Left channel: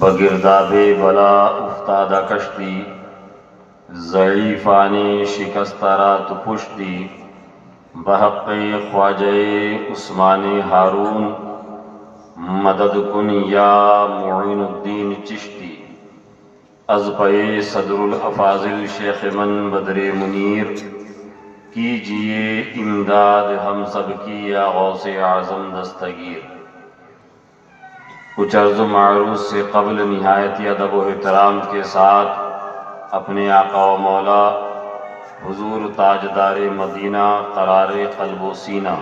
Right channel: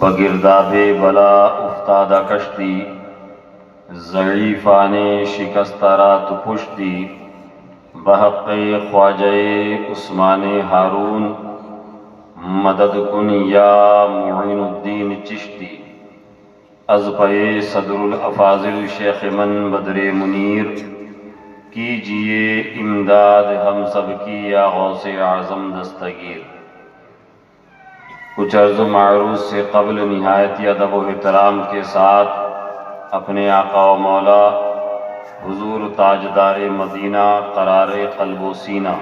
بگرداب بلا افتادہ کشتی، ضعیفان شکستہ رات پشتی، بحق خواجہ عثمان ہارون مدد کن یا معین الدین چشتی، از پہ صدر الافاضل شیخ من بدر منیر، کیجئے امداد ہم سب کی یا غوث اعظم دستگیر۔ کچھ عرض و معروض سے قبل نہایت ادب و احترام کے ساتھ اپنے آقا و مولا حضور تاجدار مدینہ قرار قلب و سینہ،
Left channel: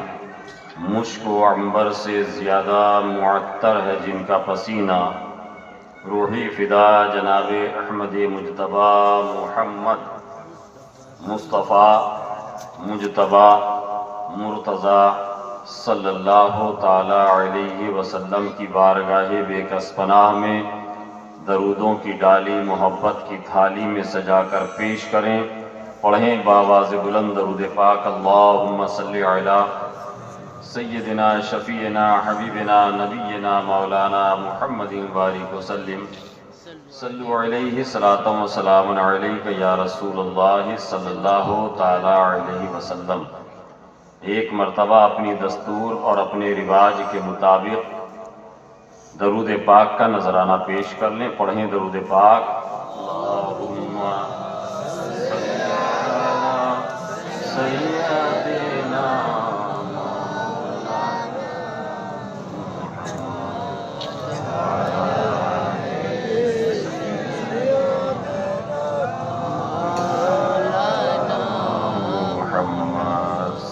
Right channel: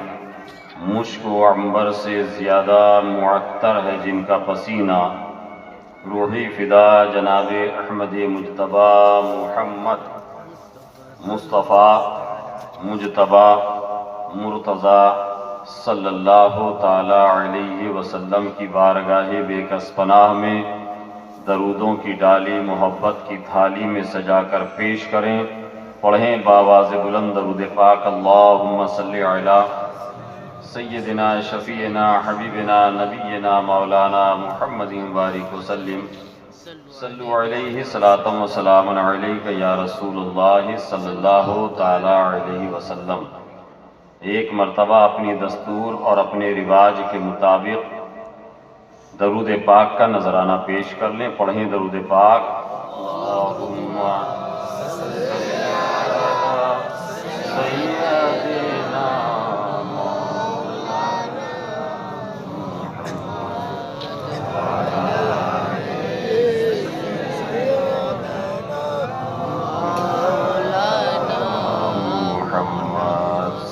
مشک و عنبر سے زیادہ معطر ہے جن کا پسینہ، روحی فدا جناب احمد مجتبی محمد مصطفیٰ مجتبی مرتضیٰ صلی اللہ تعالی علیہ وسلم کی بارگاہ بے کس پناہ میں درودوں کی ڈالی محبت کی تھالی میں سجا کر پیش کریں۔ پڑھیں بآواز بلند درود پاک، اللہم صلی علی سیدنا شفیعنا حبیبنا نبینا مولانا محمد بارک وسلم، صلو علیہ صلاۃ و سلام علیک یا رسول اللہ صلی اللہ تعالی علیہ وسلم۔ ایک مرتبہ اپنی دستور اور اپنے رواج کے مطابق درود پاک کا نذرانہ پیش کر لیں۔ پڑھیں درود پاک، اللہم سیدنا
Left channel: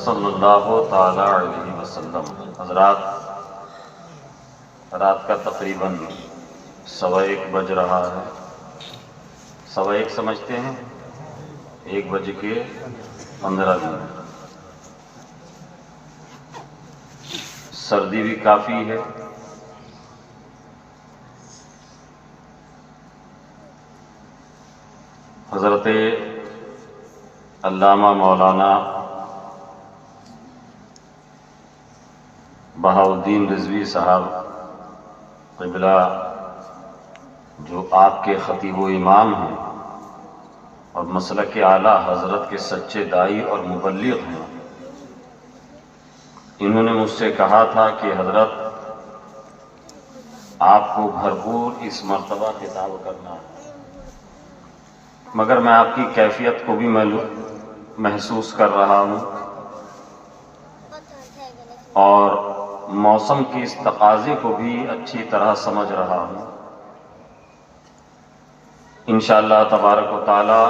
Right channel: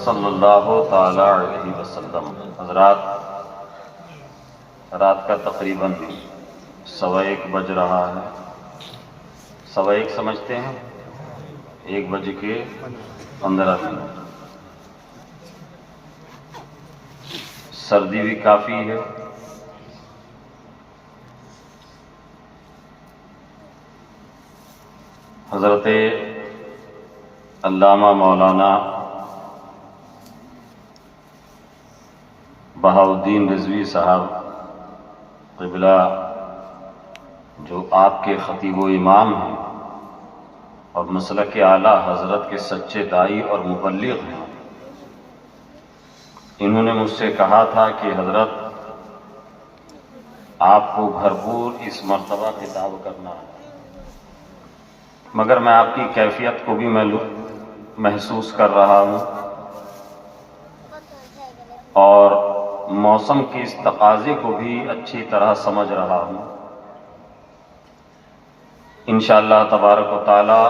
صلی اللہ تعالی علیہ وسلم۔ حضرات، رات کا تقریباً 1:15 بج رہا ہے۔ 1:15 سمجھتے ہیں؟ 1:15۔ سردی بھی کافی ہے۔ حضرت علامہ مولانا بہاؤالدین رضوی صاحب قبلہ، جو آپ کے خطیب و امام ہیں اور مسلک اعلیٰ حضرت کے سچے داعی اور مبلغ ہیں، انہوں نے مجھ سے کہا تھا کہ حضرت آپ کو بھرپور اس مرتبہ خطاب کرنا ہے، مگر میں آپ کی کیفیت کو بھی محسوس کر رہا ہوں اور موسم کی اس تقاضے کو بھی اچھی طرح سمجھ رہا ہوں۔ انشاءاللہ تبارک و تعالی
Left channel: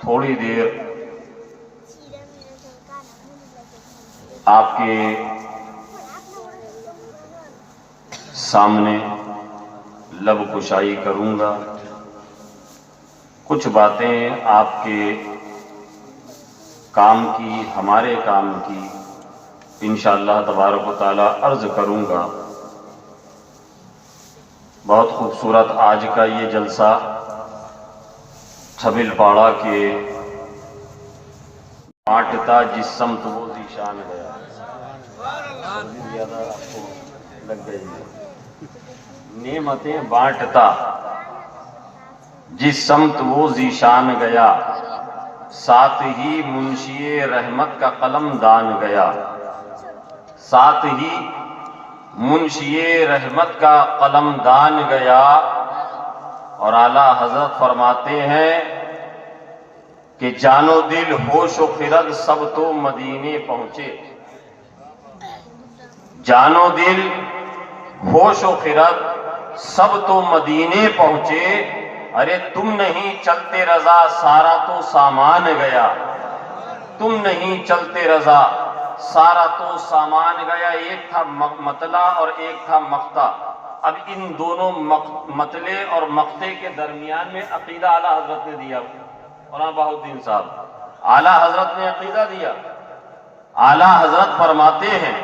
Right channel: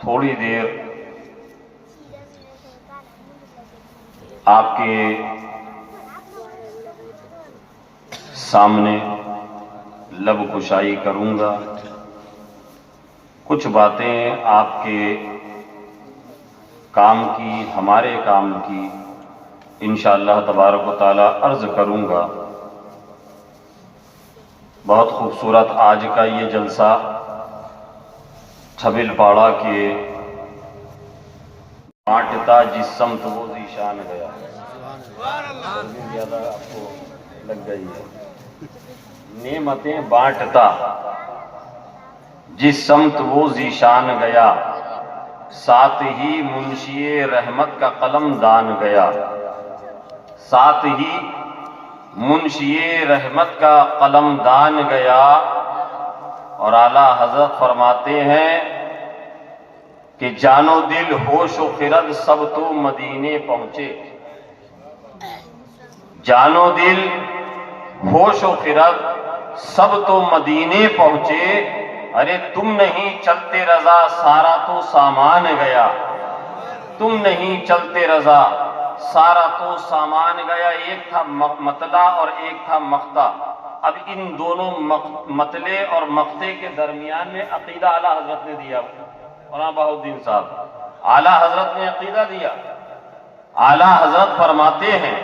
تھوڑی دیر آپ کے سامنے لب کشائی کروں گا، کچھ باتیں آپ کے کام کی، ہمارے کام کی انشاءاللہ تبارک و تعالی عرض کروں گا۔ بہت خوبصورت آج کا یہ جلسہ چھبل پاڑا کے بانٹتا جس سمت وہ ذیشان گیا، زیادہ آپ کو لگ گئی ہے، نعمتیں بانٹتا جس سمت وہ ذیشان گیا، ساتھ ہی منشی رحمت کا قلم دان گیا، ساتھ ہی منشی رحمت کا قلم دان گیا۔ اور اعلیٰ حضرت فرماتے ہیں کہ جان و دل ہوش و خرد سب تو مدینے پہنچے، جان و دل ہوش و خرد سب تو مدینے پہنچے، ارے تم نہیں چلتے رضا سارا تو سامان گیا، تم نہیں چلتے رضا سارا تو سامان گیا۔ ایک تھا مطلع اور ایک تھا مقطع۔ اب ان دونوں مطلع اور مقطع کے درمیان میں عقیدہ اعلیٰ حضرت نے دیا، مولانا بہاؤالدین صاحب اعلیٰ حضرت نے عقیدہ دیا۔ اعلیٰ حضرت فرماتے ہیں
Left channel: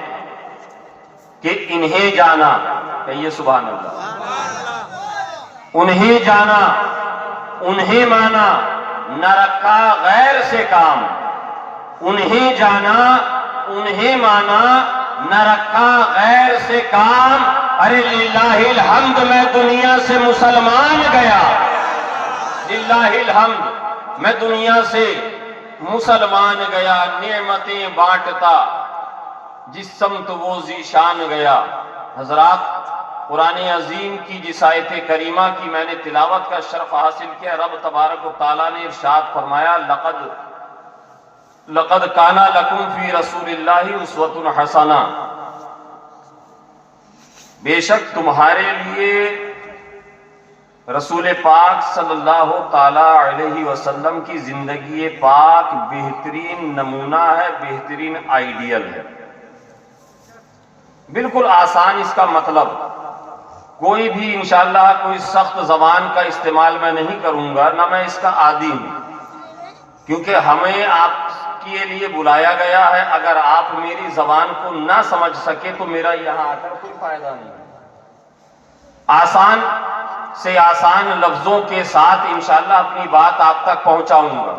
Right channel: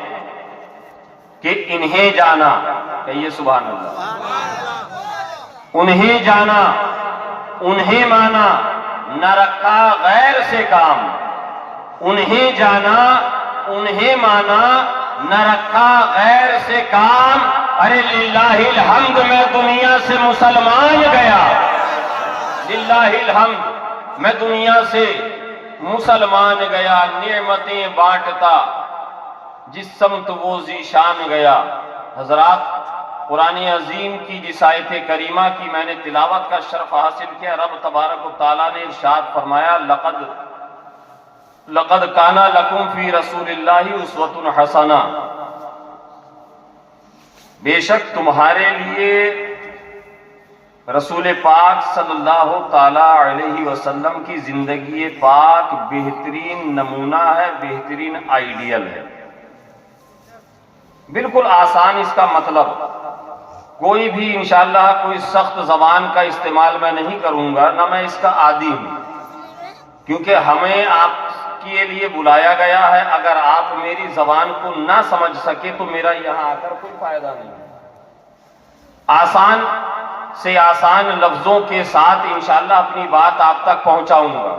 کہ انہیں جانا، کہیے سبحان اللہ، انہیں جانا انہیں مانا، نہ رکھا غیر سے کام، انہیں جانا انہیں مانا، نہ رکھا غیر سے کام۔ ارے للہ الحمد میں دنیا سے مسلمان گیا، للہ الحمد میں دنیا سے مسلمان گیا، نعمتیں بانٹتا جس سمت وہ ذیشان گیا۔ حضرات، قرآن عظیم کی جس آیت کریمہ کی میں نے تلاوت کا شرف حاصل کیا، رب تبارک و تعالیٰ نے ارشاد فرمایا لقد کان لکم فی رسول اللہ اسوۃ حسنہ، بے شک تمہارے لیے رسول پاک صلی اللہ تعالی علیہ وسلم کی زندگی پاک بہترین نمونہ ہے، بہترین آئیڈیل ہے۔ بالکل آسان اس کا مطلب، کوئی بھی انشاءاللہ کوئی سخت زبان کا استعمال میں نہیں کروں گا، نہ میں اس کا عادی ہوں، کیونکہ ہمیں آپ کے لیے بلایا گیا ہے۔ اگر آپ میری زبان کو نہ سمجھ سکے تو میرا یہاں آ کر کوئی فائدہ نہیں۔ آسان سے آسان لفظوں کے ساتھ انشاءاللہ اپنی بات آپ تک پہنچاؤں گا۔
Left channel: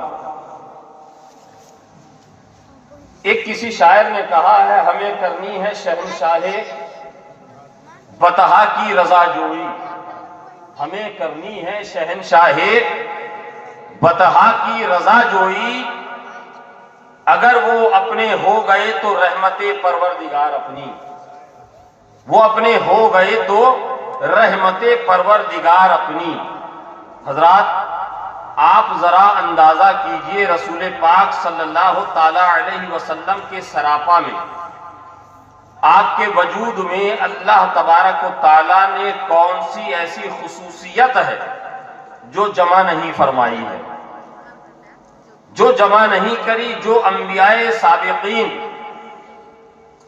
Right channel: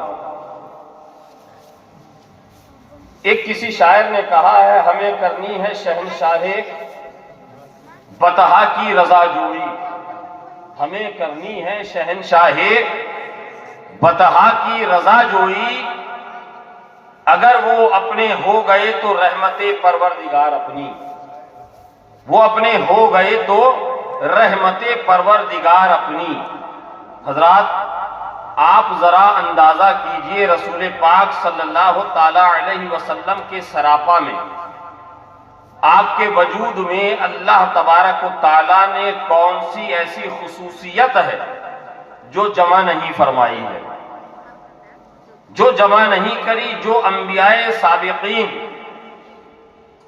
ایک کسی شاعر نے کہا ہے، ہمیں کرنی ہے شہنشاہ بطحا کی رضا جوئی، ہمیں کرنی ہے شہنشاہ بطحا کی رضا جوئی، اگر وہ اپنے ہو گئے تو رحمت پروردگار اپنی، وہ اپنے ہو گئے تو رحمت پروردگار اپنی۔ حضرات، آپ ذرا اندازہ کیجئے رسول پاک صلی اللہ تعالی علیہ وسلم کے سراپا میں، آپ کے وجود میں اللہ تبارک و تعالیٰ نے کون سی ایسی خصوصیت ہے جو جمع نہیں فرمائی ہے، جو جمع نہیں کری، جو انبیاء سابقین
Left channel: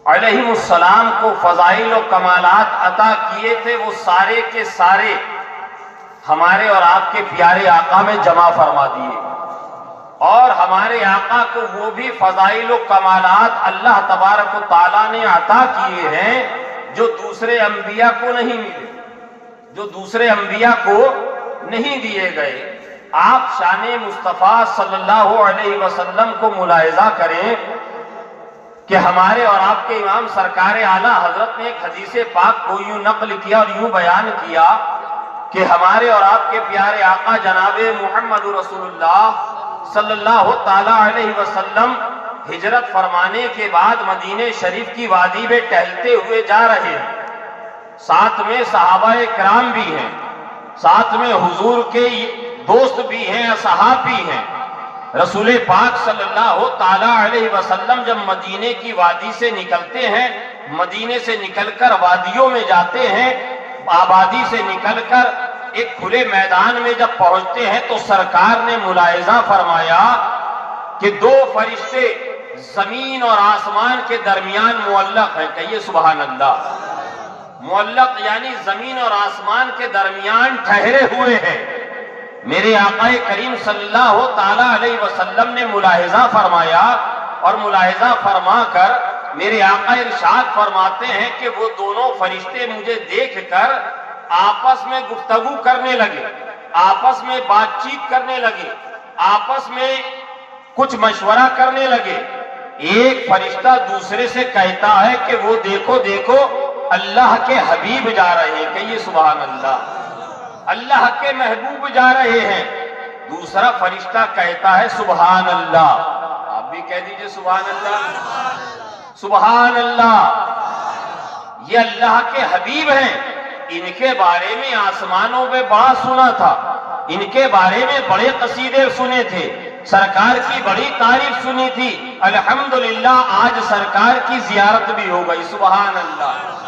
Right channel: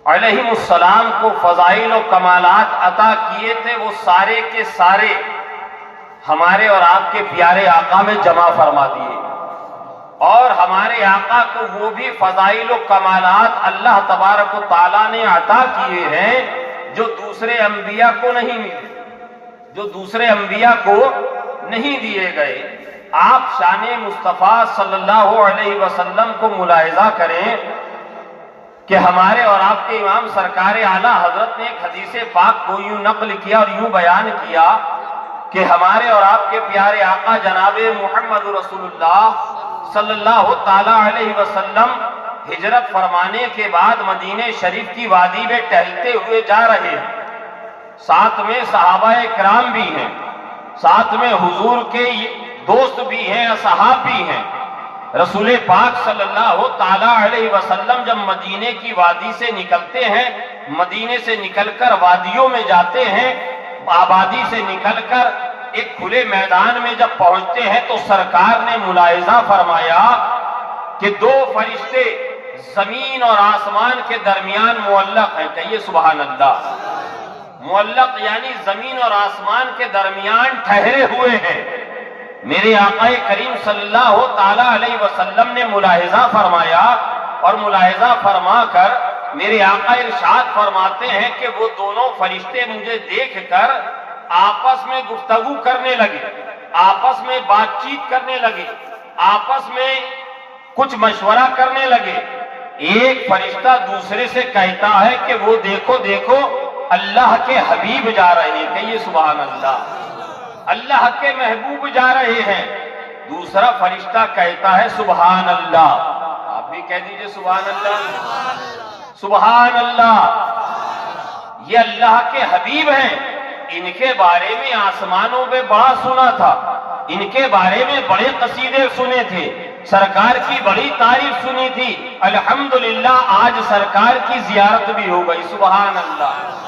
علیہم السلام کو فضائل و کمالات عطا کیے تھے، وہ سارے کے سارے ہمارے اور آپ کے پیارے آقا میں جمع فرما دیے، اور ہمارے آقا کو وہ بھی فضائل و کمالات اللہ تبارک و تعالیٰ نے عطا کیے ہیں جو دوسرے انبیاء کو نہیں ملے، جو دوسرے انبیاء کو نہیں دیے گئے۔ آپ شان مصطفیٰ صلی اللہ علیہ وسلم کو ملاحظہ کریں کہ ہمارے اور آپ کے امام سرکار اعلیٰ حضرت نے ایک حدیث پاک کو یوں نقل کیا اور یوں بیان کیا کہ ہمارے اور آپ کے پیارے آقا جناب محمد رسول اللہ صلی اللہ تعالی علیہ وسلم ہجرت فرمانے کے بعد مدینہ شریف کی وادی میں ٹہلتے ہوئے جا رہے ہیں، ساتھ میں صحابہ کرام بھی ہیں، ساتھ میں حضور کے دوست بھی ہیں، اصحاب بھی ہیں۔ رسول پاک صلی اللہ تعالی علیہ وسلم جب مدینے کی وادی سے نکلتے ہیں، مدینے سے نکل کر وادیوں میں جاتے ہیں، آبادی سے نکل کر ایک کھلے میدان میں جب پہنچتے ہیں تو سرکار نے ملاحظہ فرمایا کہ دو فرشتے زمین اور آسمان کے درمیان معلق ہیں۔ کہیے سبحان اللہ۔ معلق یعنی زمین اور آسمان کے درمیان ٹھہرے ہوئے ہیں۔ میرے آقا کریم صلی اللہ تعالی علیہ وسلم نے ملاحظہ فرمایا، اور ملاحظہ فرما کر میرے آقا ارشاد فرماتے ہیں کہ وہ دونوں فرشتے مجھے دیکھ کر آپس میں گفتگو کرنے لگے، آپس میں بات چیت کرنے لگے، آپس میں کچھ مشورہ کرنے لگے۔ ایک فرشتہ دوسرے سے کہتا ہے کہ وہ دیکھو دیکھو اللہ کے حبیب جا رہے ہیں، کہیے سبحان اللہ، اللہ کے محبوب جا رہے ہیں۔ دوسرا فرشتہ کہتا ہے سبحان اللہ، آپ بھی کہہ دیجئے سبحان اللہ، سبحان اللہ، یہ اللہ کے حبیب ہیں، ان کے بارے میں آسمانوں میں بڑا سنا تھا، ان کے بارے میں بڑے قصیدے سنے تھے، سرکار کی بڑی تعریف سنی تھی، الحمدللہ آج سرکار کی زیارت بھی ہو گئی، سبحان اللہ،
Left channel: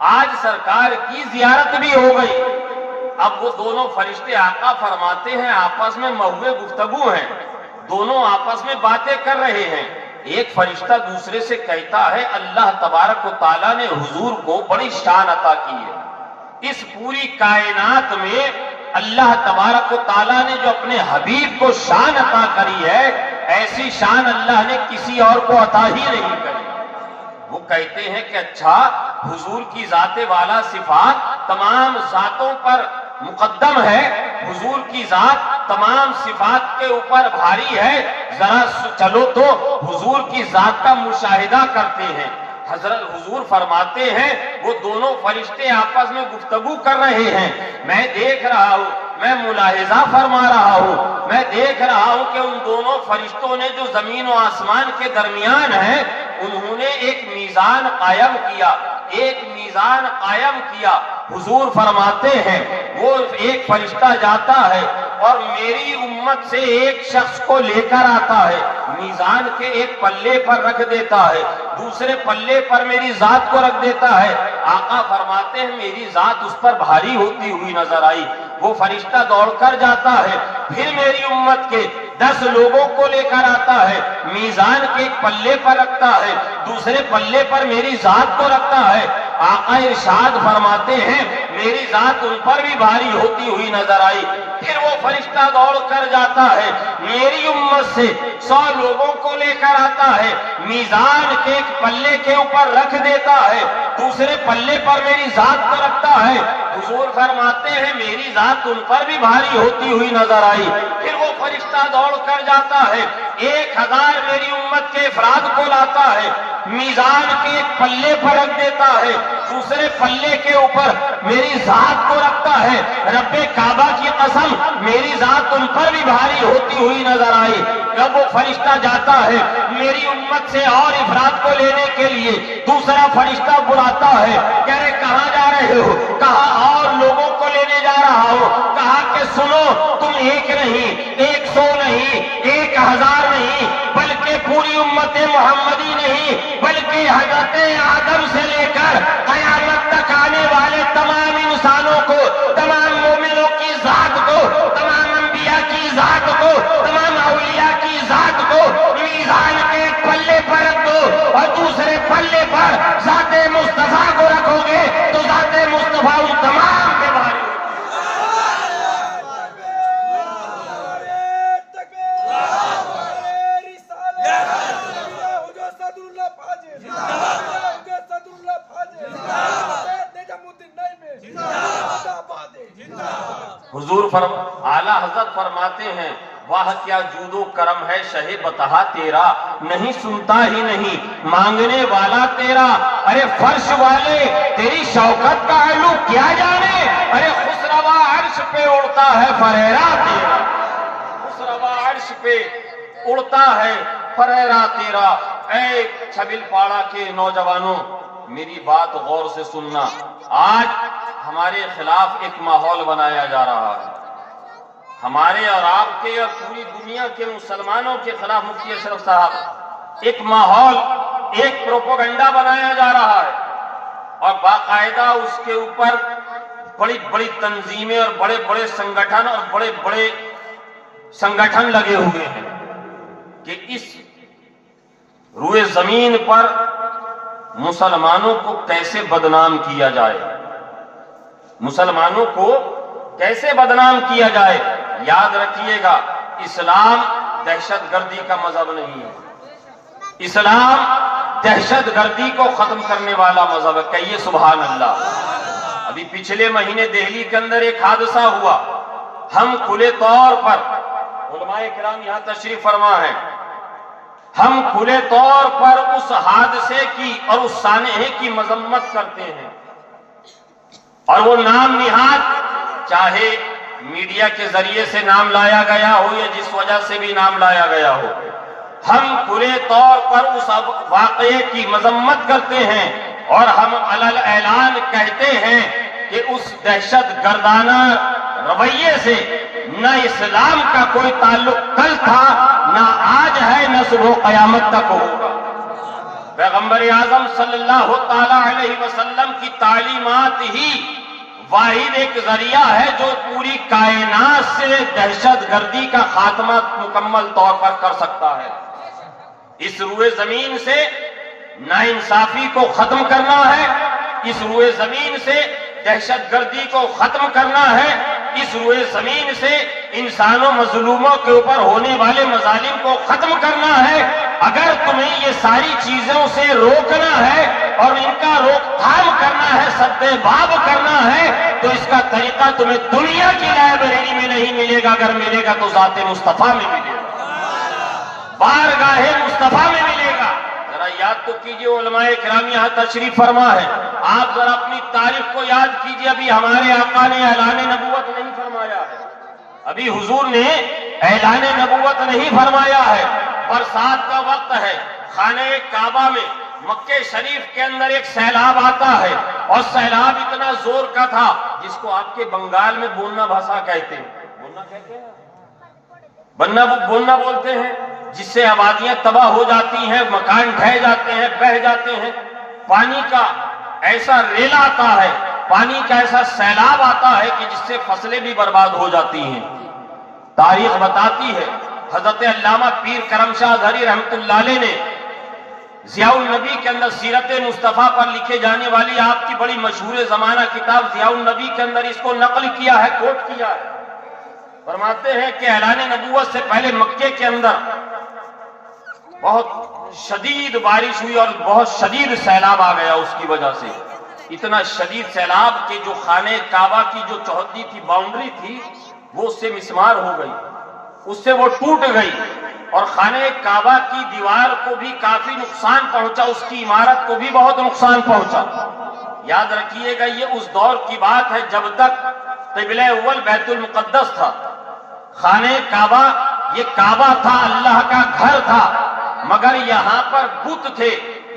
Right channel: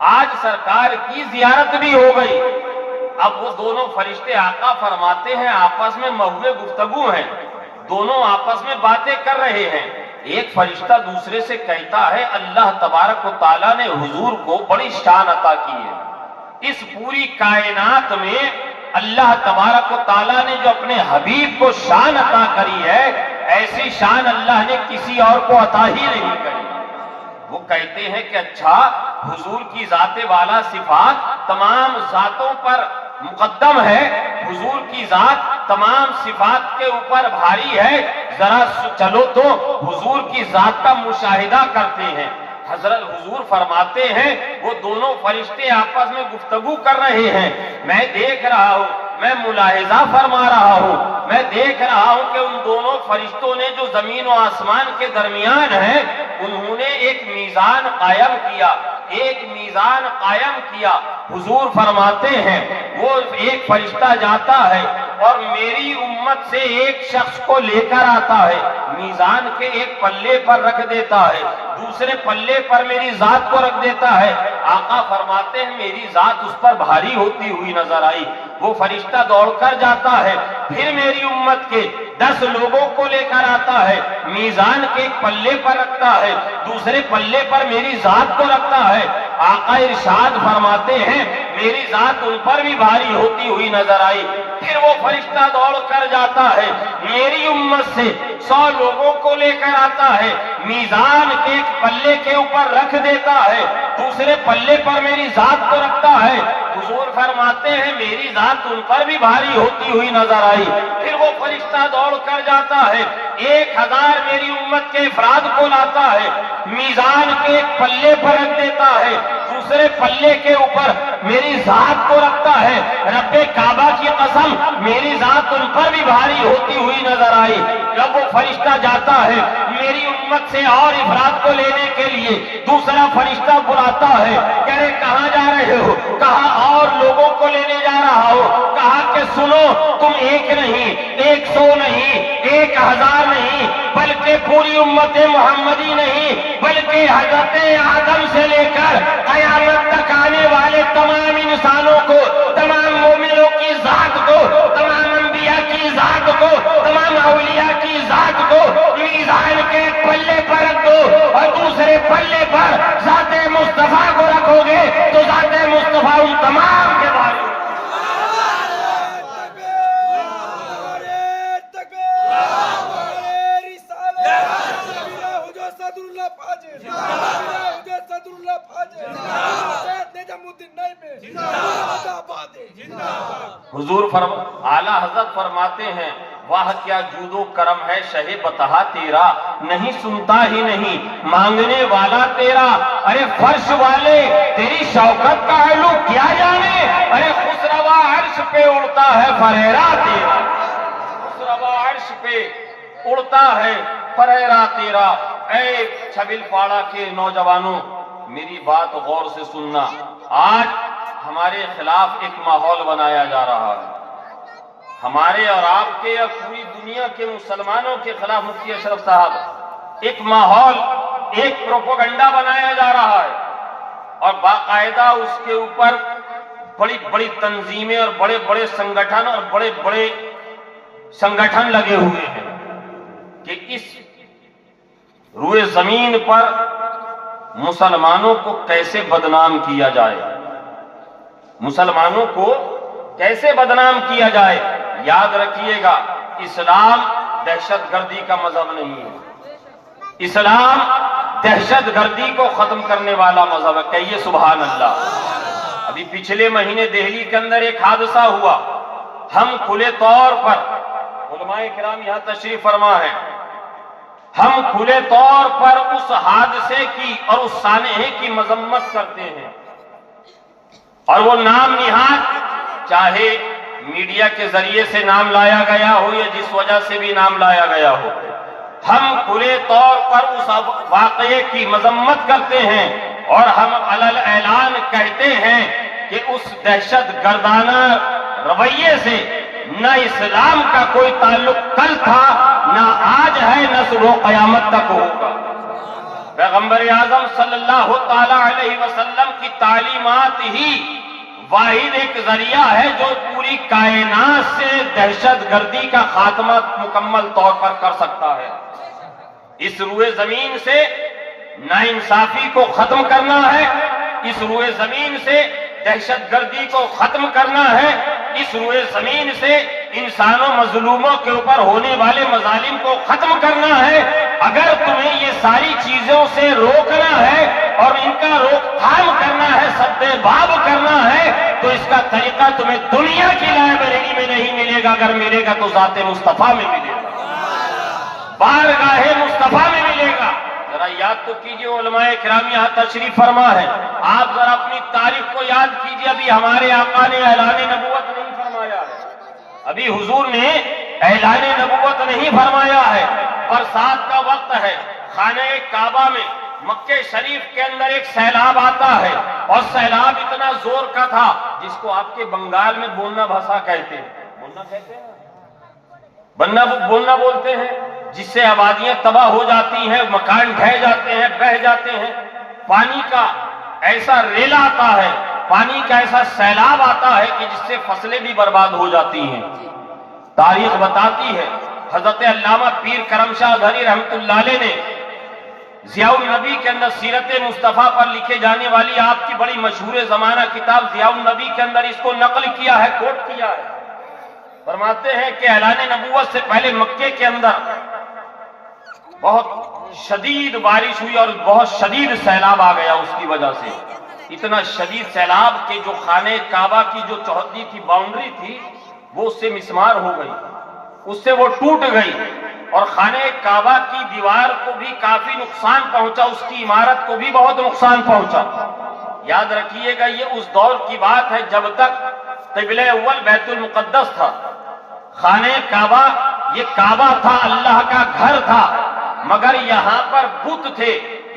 آج سرکار کی زیارت بھی ہو گئی۔ اب وہ دونوں فرشتے آقا فرماتے ہیں آپس میں موضوع گفتگو ہیں، دونوں آپس میں باتیں کر رہے ہیں۔ ایک فرشتہ دوسرے سے کہتا ہے اللہ تبارک و تعالیٰ نے حضور کو بڑی شان عطا کی ہے، اس پوری کائنات میں اللہ تبارک و تعالیٰ نے جو اپنے حبیب کو شان عطا کری ہے، ایسی شان اللہ نے کسی اور کو عطا ہی نہیں کری۔ وہ کہتے ہیں کہ اچھا، حضور کی ذات والا صفات تمام ذاتوں پر مقدم ہے، حضور کی ذات تمام صفات کے اوپر بھاری ہے، ذرا چلو تو حضور کی ذات کا مشاہدہ کرتے ہیں۔ حضرت حضور فرماتے ہیں وہ دونوں فرشتے آپس میں گفتگو کر رہے ہیں، میں دیکھ رہا ہوں، میں ملاحظہ فرما رہا ہوں، میں دیکھ رہا ہوں کہ ان دونوں فرشتوں نے جو زمین و آسمان کے درمیان ہے انہوں نے ایک میزان قائم کیا، ایک میزان قائم کیا۔ حضور فرماتے ہیں وہ ایک فرشتہ جاتا ہے اور میری امت سے ایک شخص کو لے کر آتا ہے، میزان کے ایک پلے پر رکھ دیتا ہے، دوسرے پلے پر میری ذات کو رکھ دیتا ہے۔ آقا فرماتے ہیں میری ذات اس پر بھاری ہوتی ہوئی نظر آئی، وہ فرشتہ دوڑ کر جاتا ہے، پھر میری امت کے 10 لوگوں کو لے کر آتا ہے، میزان کے ایک پلے پر رکھتا ہے، دوسرے پلے پر میری ذات کو رکھتا ہے۔ آقا ارشاد فرماتے ہیں میری ذات ان پر بھی بھاری ہوتی ہوئی نظر آئی، پھر وہ فرشتہ دوڑ کر جاتا ہے، میری امت سے 100 لوگوں کو لے کر آتا ہے، میزان کے ایک پلے کے اوپر رکھ دیتا ہے، دوسرے پلے پر میری ذات کو رکھتا ہے۔ حضور فرماتے ہیں میری ذات ان پر بھی بھاری ہوتی ہوئی نظر آئی، پھر وہ فرشتہ دوڑ کر جاتا ہے، 1000 میری امت کے افراد کو لاتا ہے، میزان کے ایک پلے پر رکھ دیتا ہے، دوسرے پلے کے اوپر میری ذات کو رکھتا ہے۔ رب کعبہ کی قسم میری ذات ان پر بھی بھاری ہوتی ہوئی نظر آئی۔ جب وہ فرشتہ جاتا ہے میری امت سے اور افراد کو لینے کے لیے، دوسرا فرشتہ بلاتا ہے، کہہ رہے کہاں جا رہے ہو؟ کہا اور لوگوں کو لینے جا رہا ہو۔ کہا کہ سنو تم ایک نہیں، 100 نہیں، 1000 نہیں، بلکہ پوری امت محمدی نہیں، بلکہ حضرت آدم سے لے کر قیامت تک آنے والے تمام انسانوں کو، تمام مومنوں کی ذات کو، تمام انبیاء کی ذات کو، تمام اولیاء کی ذات کو میزان کے پلے پر رکھ دو اور دوسرے پلے پر ذات مصطفیٰ کو رکھو گے تو ذات مصطفیٰ ان تمام کے بارے میں حضور اعلیٰ حضرت فرماتے ہیں واہ کیا جود و کرم ہے شہ بتہا تیرا، نہیں سنتا ہی نہیں مانگنے والا تیرا، ارے فرش والے تیری شوکت کا علو کیا جانے، ارے خسروا عرش پہ اڑتا ہے فریرا تیرا، خسروا عرش پہ اڑتا ہے فریرا تیرا۔ اے چھبل پاڑا کے نوجوانوں میری بات غور سے سننا، آج ہمارے خلاف ایک ماحول بنایا جا رہا ہے، ہمارے اور آپ کے اور پوری دنیا کے مسلمانوں کے خلاف مفتی اشرف صاحب ایک ماحول، ایک پروپیگنڈا بنایا جا رہا ہے اور باقاعدہ اس کے اوپر بڑی بڑی تنظیمیں اور بڑے بڑے سنگٹھن اور بڑے بڑے سنگٹھن لگے ہوئے ہیں کہ اس روئے زمین پر مسلمانوں کو کیسے بدنام کیا جائے، مسلمانوں کو کیسے بدنام کیا جائے۔ یاد رکھیے گا اسلام دہشت گردی کا مذہب نہیں ہے، اسلام دہشت گردی کو ختم کرنے والا مذہب ہے، کہیے سبحان اللہ۔ ابھی پچھلے مہینے دہلی کے اندر ایک حادثہ ہوا، ہم کھلے طور پر، علماء کرام یہاں تشریف فرما ہے، ہم کھلے طور پر اس حادثے کی اور اس سانحے کی مذمت کرتے ہیں اور وہ نام نہاد چاہے میڈیا کے ذریعے سے نام لایا گیا ہو یا جس وجہ سے بھی نام لایا گیا ہو، ہم کھلے طور پر اس واقعے کی مذمت کرتے ہیں اور ہم علل اعلان کہتے ہیں کہ اس دہشت گردانہ رویے سے نہ اسلام کا کوئی تعلق کل تھا، نہ آج ہے، نہ صبح قیامت تک ہوگا۔ پیغمبر اعظم صلی اللہ تعالی علیہ وسلم کی تعلیمات ہی واحد ایک ذریعہ ہے جو پوری کائنات سے دہشت گردی کا خاتمہ مکمل طور پر کر سکتا ہے۔ اس روئے زمین سے ناانصافی کو ختم کرنا ہے، اس روئے زمین سے دہشت گردی کو ختم کرنا ہے، اس روئے زمین سے انسانوں مظلوموں کے اوپر ہونے والے مظالم کو ختم کرنا ہے۔ اگر تمہیں یہ ساری چیزوں سے روکنا ہے اور ان کا روک تھام کرنا ہے، سد باب کرنا ہے، تو اس کا طریقہ تمہیں دنیا کی لائبریری میں نہیں ملے گا، اگر ملے گا تو ذات مصطفیٰ میں ملے گا، بارگاہ مصطفیٰ میں ملے گا۔ ذرا یاد تو کیجئے، علماء کرام یہاں تشریف فرما ہے، آپ ذرا اپنی تاریخ کو یاد کیجئے۔ ابھی ہمارے آقا نے اعلان نبوت نہیں فرمایا ہے، ابھی حضور نے اعلان نبوت نہیں فرمایا ہے، برسات کا وقت ہے، خانہ کعبہ میں مکہ شریف کے اندر ایک سیلاب آتا ہے، اور سیلاب اتنا زور کا تھا جس کو آپ کے بنگال میں بوننا بھاسا کہتے ہیں، بوننا کہتے ہیں، بوننا بولتے ہیں، جس سے آبادیاں تباہ ہو جاتی ہیں، مکان ڈھہ جاتے ہیں، بہہ جاتے ہیں، پانی کا ایسا ریلا آتا ہے، پانی کا ایسا سیلاب آتا ہے کہ جس سے فصلیں بھی برباد ہو جاتی ہیں۔ تاریخ بتاتی ہے، حضرت علامہ پیر کرم شاہ ازہری رحمت اللہ علیہ نے ضیاء النبی کے اندر سیرت مصطفیٰ پر لکھے جانے والی آپ کی بڑی مشہور زمانہ کتاب ضیاء النبی کے اندر اس کو نقل کیا ہے، کوٹ کیا ہے۔ فرماتے ہیں کہ اعلان نبوت سے پہلے مکے کے اندر بہت شدید بارش ہوئی اور بہت شدید سیلاب آ گیا، اس کی وجہ سے اتنا شدید سیلاب کہ جو خانہ کعبہ کی جو چوہدی تھی، باؤنڈری تھی، وہ اس سے مسمار ہو گئی، اس سے وہ ٹوٹ گئی، اور خانہ کعبہ کی دیوار کو بھی کافی نقصان پہنچا، اس کی عمارت کو بھی بہت نقصان پہنچا۔ یاد رکھیے گا، یہ اس دور کی بات ہے جب تک قبلہ اول بیت المقدس تھا، خانہ کعبہ یہ کعبہ تھا، اللہ کا گھر تھا، مگر یہاں پر بت تھے،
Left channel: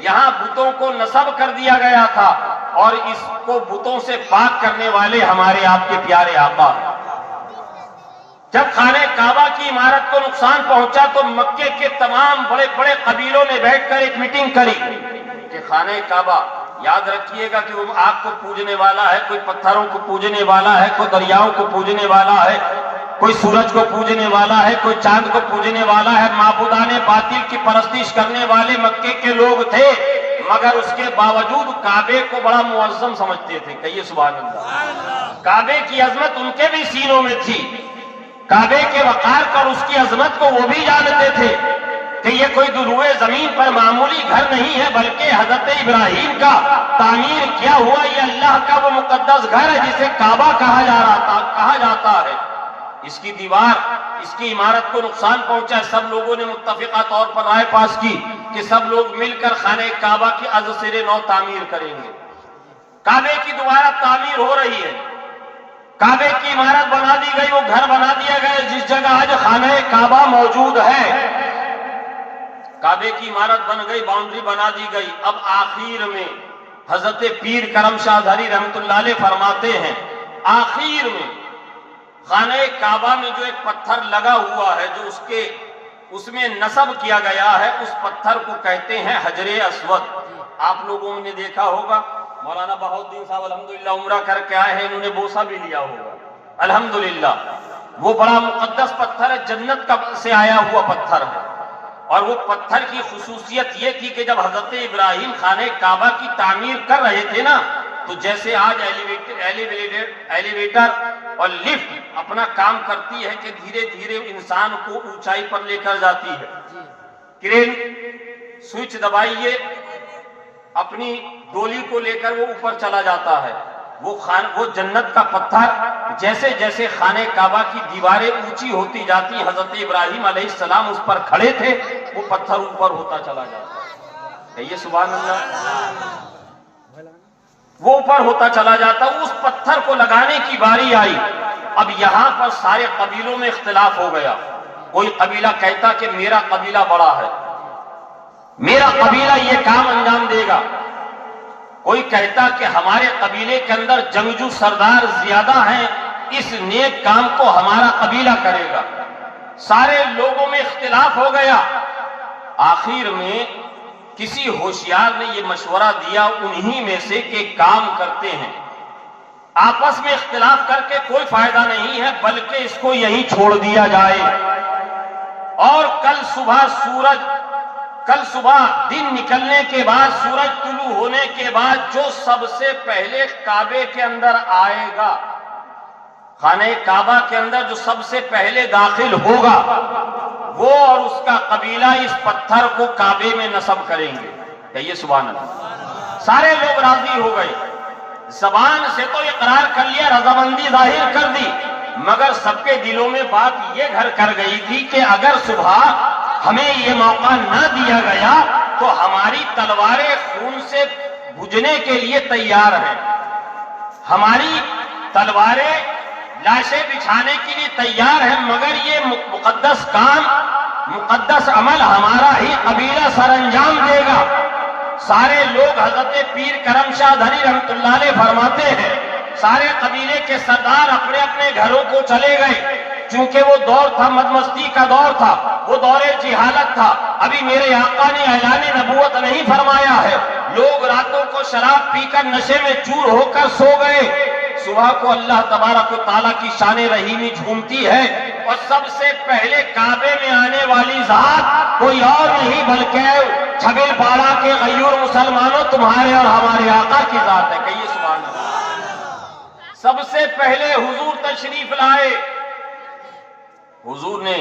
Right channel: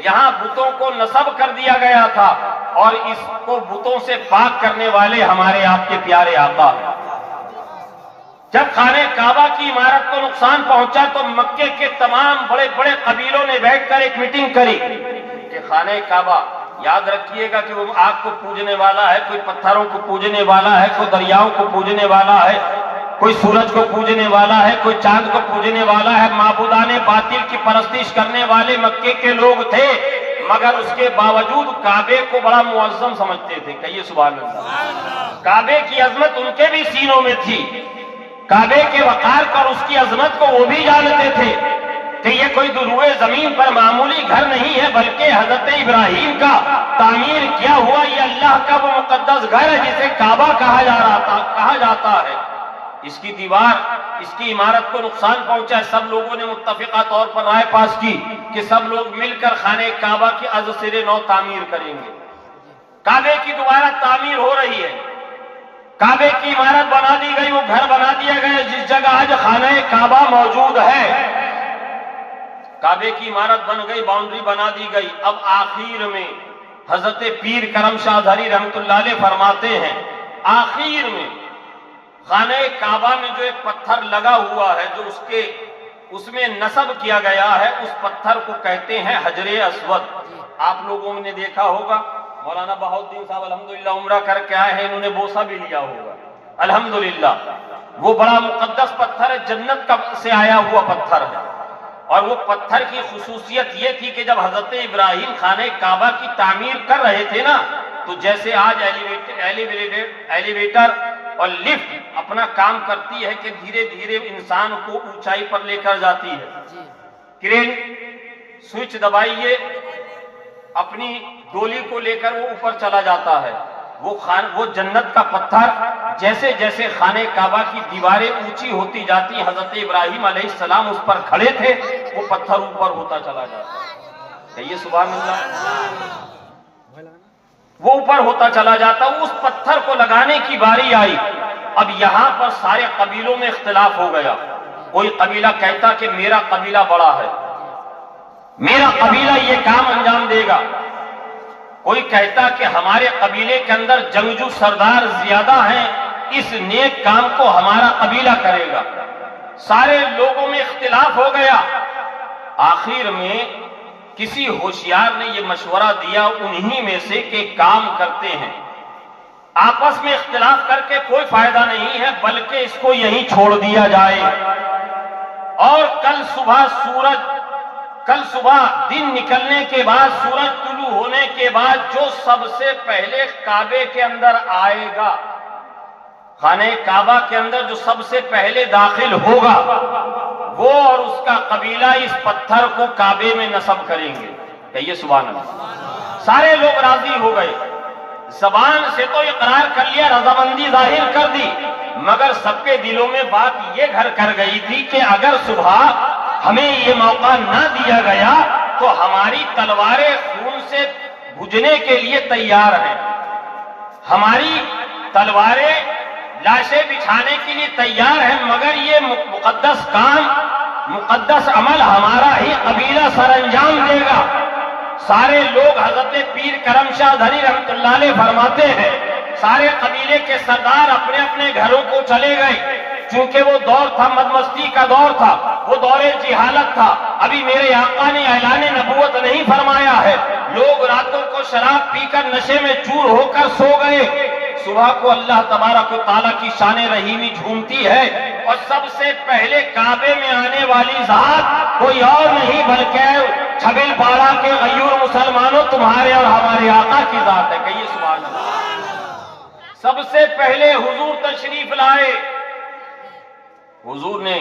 یہاں بتوں کو نصب کر دیا گیا تھا، اور اس کو بتوں سے پاک کرنے والے ہمارے آپ کے پیارے آقا ہیں۔ جب خانہ کعبہ کی عمارت کو نقصان پہنچا تو مکے کے تمام بڑے بڑے قبیلوں نے بیٹھ کر ایک میٹنگ کری کہ خانہ کعبہ، یاد رکھیے گا کہ وہ آگ کو پوجنے والا ہے، کوئی پتھروں کو پوجنے والا ہے، کوئی دریاؤں کو پوجنے والا ہے، کوئی سورج کو پوجنے والا ہے، کوئی چاند کو پوجنے والا ہے، معبودان باطل کی پرستش کرنے والے مکے کے لوگ تھے، مگر اس کے باوجود کعبے کو بڑا معظم سمجھتے تھے۔ کہیے سبحان اللہ۔ کعبے کی عظمت ان کے بھی سینوں میں تھی، کعبے کے وقار پر اس کی عظمت کو وہ بھی جانتے تھے کہ یہ کوئی روئے زمین پر معمولی گھر نہیں ہے، بلکہ حضرت ابراہیم کا تعمیر کیا ہوا یہ اللہ کا وہ مقدس گھر ہے جسے کعبہ کہا جاتا ہے۔ اس کی دیوار، اس کی عمارت کو نقصان پہنچا، سب لوگوں نے متفقہ طور پر رائے پاس کی کہ سب لوگ مل کر خانہ کعبہ کی از سر نو تعمیر کریں گے۔ کعبے کی دوبارہ تعمیر ہو رہی ہے، کعبے کی عمارت بنا دی گئی، وہ گھر بنا دیا گیا جس جگہ آج خانہ کعبہ موجود ہے۔ کعبے کی عمارت بن گئی، باؤنڈری بنا دی گئی۔ اب آخر میں حضرت پیر کرم شاہ ازہری رحمت اللہ علیہ فرماتے ہیں، آخر میں خانہ کعبہ میں جو ایک پتھر لگا ہوا ہے، جو اس میں نصب کیا گیا ہے، اس پتھر کو کہتے ہیں حجر اسود۔ آپ لوگوں نے دیکھا ہوگا، مولانا بہاؤالدین صاحب الحمدللہ عمرہ کر کے آئے ہیں، انہوں نے بوسہ بھی لیا ہوگا الحمدللہ۔ وہ بڑا مقدس پتھر ہے، جنت سے آیا ہوا پتھر ہے، اور وہ پتھر کی خصوصیت یہ تھی کہ جب حضرت ابراہیم خانہ کعبہ کی تعمیر کر رہے تھے نا، تو جیسے آج ایلیویٹر اور لفٹ اپنا کام کرتی ہے کہ دھیرے دھیرے انسان کو اونچائی پر لے کر جاتی ہے، کرین سوئچ دبائیے، اپنی ڈولی کو لے کر وہ اوپر چلا جاتا ہے۔ وہ جنت کا پتھر جیسے جیسے خانہ کعبہ کی دیواریں اونچی ہوتی جاتی، حضرت ابراہیم علیہ السلام اس پر کھڑے تھے، وہ پتھر اوپر ہوتا چلا جاتا۔ کہیے سبحان اللہ۔ وہ اوپر ہوتا چلا جاتا، اس پتھر کو لگانے کی باری آئی۔ اب یہاں پر سارے قبیلوں میں اختلاف ہو گیا، کوئی قبیلہ کہتا کہ میرا قبیلہ بڑا ہے، میرا قبیلہ یہ کام انجام دے گا، کوئی کہتا کہ ہمارے قبیلے کے اندر جنگجو سردار زیادہ ہیں، اس نیک کام کو ہمارا قبیلہ کرے گا۔ سارے لوگوں میں اختلاف ہو گیا۔ آخر میں کسی ہوشیار نے یہ مشورہ دیا انہی میں سے کہ کام کرتے ہیں، آپس میں اختلاف کر کے کوئی فائدہ نہیں ہے، بلکہ اس کو یہیں چھوڑ دیا جائے، اور کل صبح دن نکلنے کے بعد، سورج طلوع ہونے کے بعد جو سب سے پہلے کعبے کے اندر آئے گا، خانہ کعبہ کے اندر جو سب سے پہلے داخل ہوگا وہ اور اس کا قبیلہ اس پتھر کو کعبے میں نصب کریں گے. کہیے سبحان اللہ. سارے لوگ راضی ہو گئے, زبان سے تو اقرار کر لیا, رضامندی ظاہر کر دی, مگر سب کے دلوں میں بات یہ گھر کر گئی تھی کہ اگر صبح ہمیں یہ موقع نہ دیا گیا تو ہماری تلواریں خون سے بھجنے کے لیے تیار ہیں, ہماری تلواریں لاشیں بچھانے کے لیے تیار ہیں, مگر یہ مقدس کام, مقدس عمل ہمارا ہی قبیلہ سر انجام دے گا. سارے لوگ حضرت پیر کرم شاہ دھری رحمت اللہ علیہ فرماتے ہیں سارے قبیلے کے سردار اپنے اپنے گھروں کو چلے گئے. چونکہ وہ دور تھا, مدمستی کا دور تھا, وہ دور جہالت تھا, ابھی میرے آقا نے اعلان نبوت نہیں فرمایا ہے. لوگ راتوں کو شراب پی کر نشے میں چور ہو کر سو گئے. صبح کو اللہ تبارک و تعالیٰ کی شان رحیمی جھومتی ہے اور سب سے پہلے کعبے میں آنے والی ذات کوئی اور نہیں بلکہ چھبیل پاڑا کے غیور مسلمانوں تمہارے اور ہمارے آقا کی ذات ہے. کہیے سبحان اللہ. سب سے پہلے حضور تشریف لائے. حضور نے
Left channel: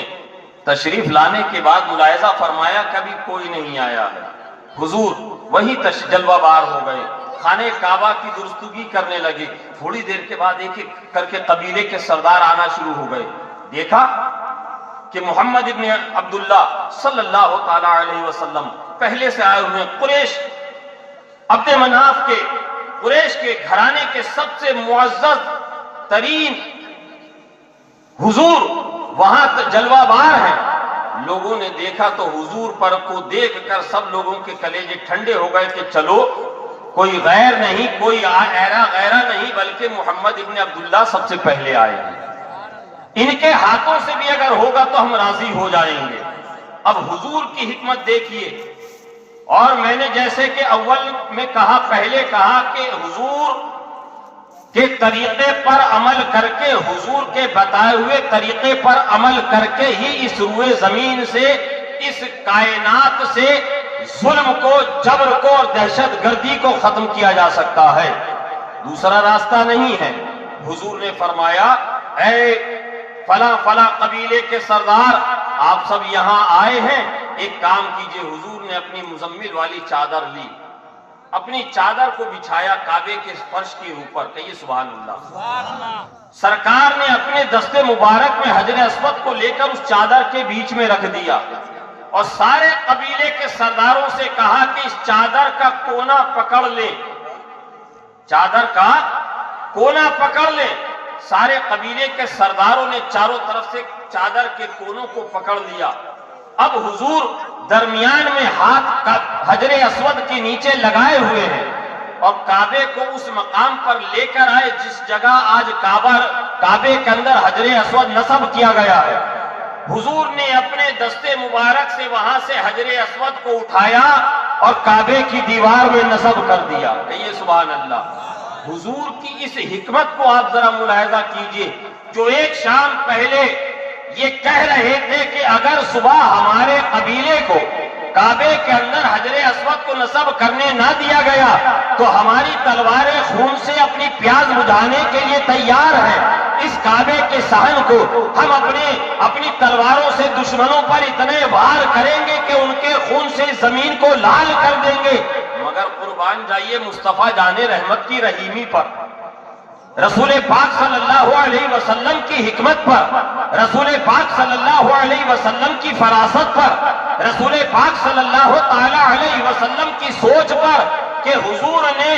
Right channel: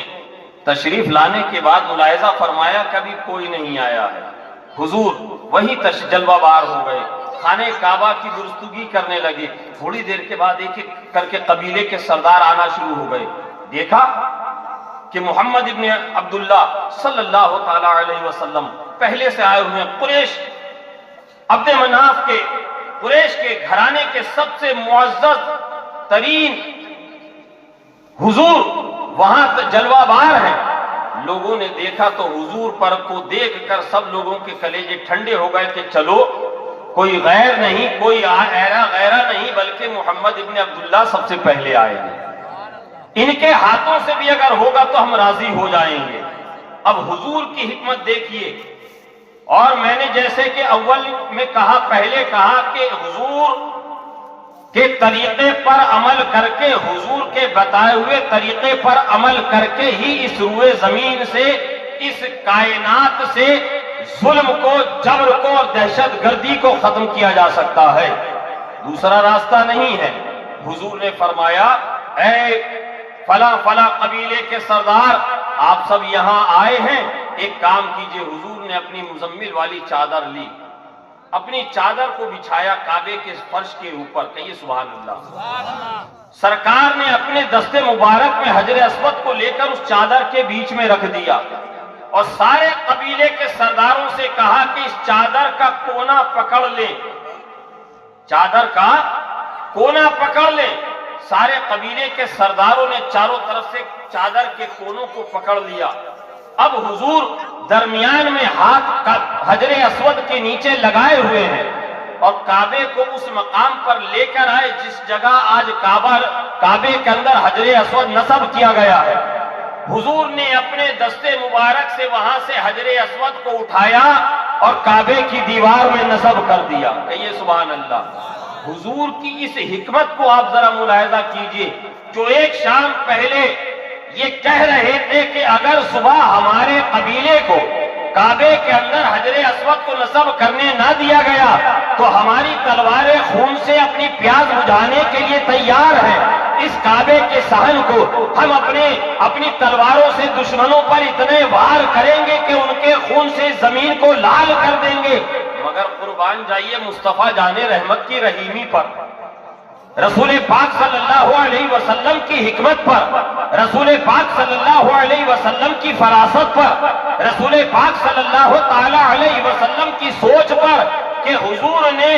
تشریف لانے کے بعد ملاحظہ فرمایا کبھی کوئی نہیں آیا ہے. حضور وہی جلوہ بار ہو گئے, خانہ کعبہ کی درستگی کرنے لگے. تھوڑی دیر کے بعد ایک ایک کر کے قبیلے کے سردار آنا شروع ہو گئے. دیکھا کہ محمد ابن عبداللہ صلی اللہ تعالی علیہ وسلم پہلے سے آئے ہوئے. قریش, عبد مناف کے, قریش کے گھرانے کے سب سے معزز ترین حضور وہاں جلوہ بار ہیں. لوگوں نے دیکھا تو حضور پر کو دیکھ کر سب لوگوں کے کلیجے ٹھنڈے ہو گئے کہ چلو کوئی غیر نہیں, کوئی ایرا غیرہ نہیں, بلکہ محمد ابن عبداللہ سب سے پہلے آئے ہیں. ان کے ہاتھوں سے بھی اگر ہوگا تو ہم راضی ہو جائیں گے. اب حضور کی حکمت دیکھیے. اور میں نے جیسے کہ اول میں کہا, پہلے کہا کہ حضور کے طریقے پر عمل کر کے, حضور کے بتائے ہوئے طریقے پر عمل کر کے ہی اس روئے زمین سے, اس کائنات سے ظلم کو, جبر کو اور دہشت گردی کو ختم کیا جا سکتا ہے. دوسرا راستہ نہیں ہے. حضور نے فرمایا اے فلاں فلاں قبیلے کے سردار, آپ سب یہاں آئے ہیں, ایک کام کیجئے. حضور نے اپنی مزمل والی چادر لی, اپنی چادر کو بچھایا کعبے کے فرش کے اوپر. کہیے سبحان اللہ. سرکار نے اپنے دستے مبارک میں حجر اسود کو لے کر اس چادر کے بیچ میں رکھ دیا اور سارے قبیلے کے سرداروں سے کہا کہ اس چادر کا کونا پکڑ لے, چادر کا کونا پکڑ لے. سارے قبیلے کے سرداروں نے چاروں طرف سے چادر کے کونوں کو پکڑ لیا. اب حضور درمیان میں ہاتھ حجر اسود کے نیچے لگائے ہوئے ہیں اور کعبے کو اس مقام پر لے کر آئے جس جگہ آج کعبے کے اندر حجر اسود نصب کیا گیا ہے. حضور نے اپنے دستے مبارک سے وہاں سے حجر اسود کو اٹھایا اور کعبے کی دیوار میں نصب کر دیا. کہیے سبحان اللہ. حضور کی اس حکمت کو آپ ذرا ملاحظہ کیجئے. جو ایک شام پہلے یہ کہہ رہے تھے کہ اگر صبح ہمارے قبیلے کو کعبے کے اندر حجر اسود کو نصب کرنے نہ دیا گیا تو ہماری تلواریں خون سے اپنی پیاس بجھانے کے لیے تیار ہیں. اس کعبے کے صحن کو ہم اپنی تلواروں سے دشمنوں پر اتنے وار کریں گے کہ ان کے خون سے زمین کو لال کر دیں گے. مگر قربان جائیے مصطفیٰ جان رحمت کی رحیمی پر, رسول پاک صلی اللہ علیہ وسلم کی حکمت پر, رسول پاک صلی اللہ علیہ وسلم کی فراست پر, رسول پاک صلی اللہ تعالی علیہ وسلم کی سوچ پر کہ حضور نے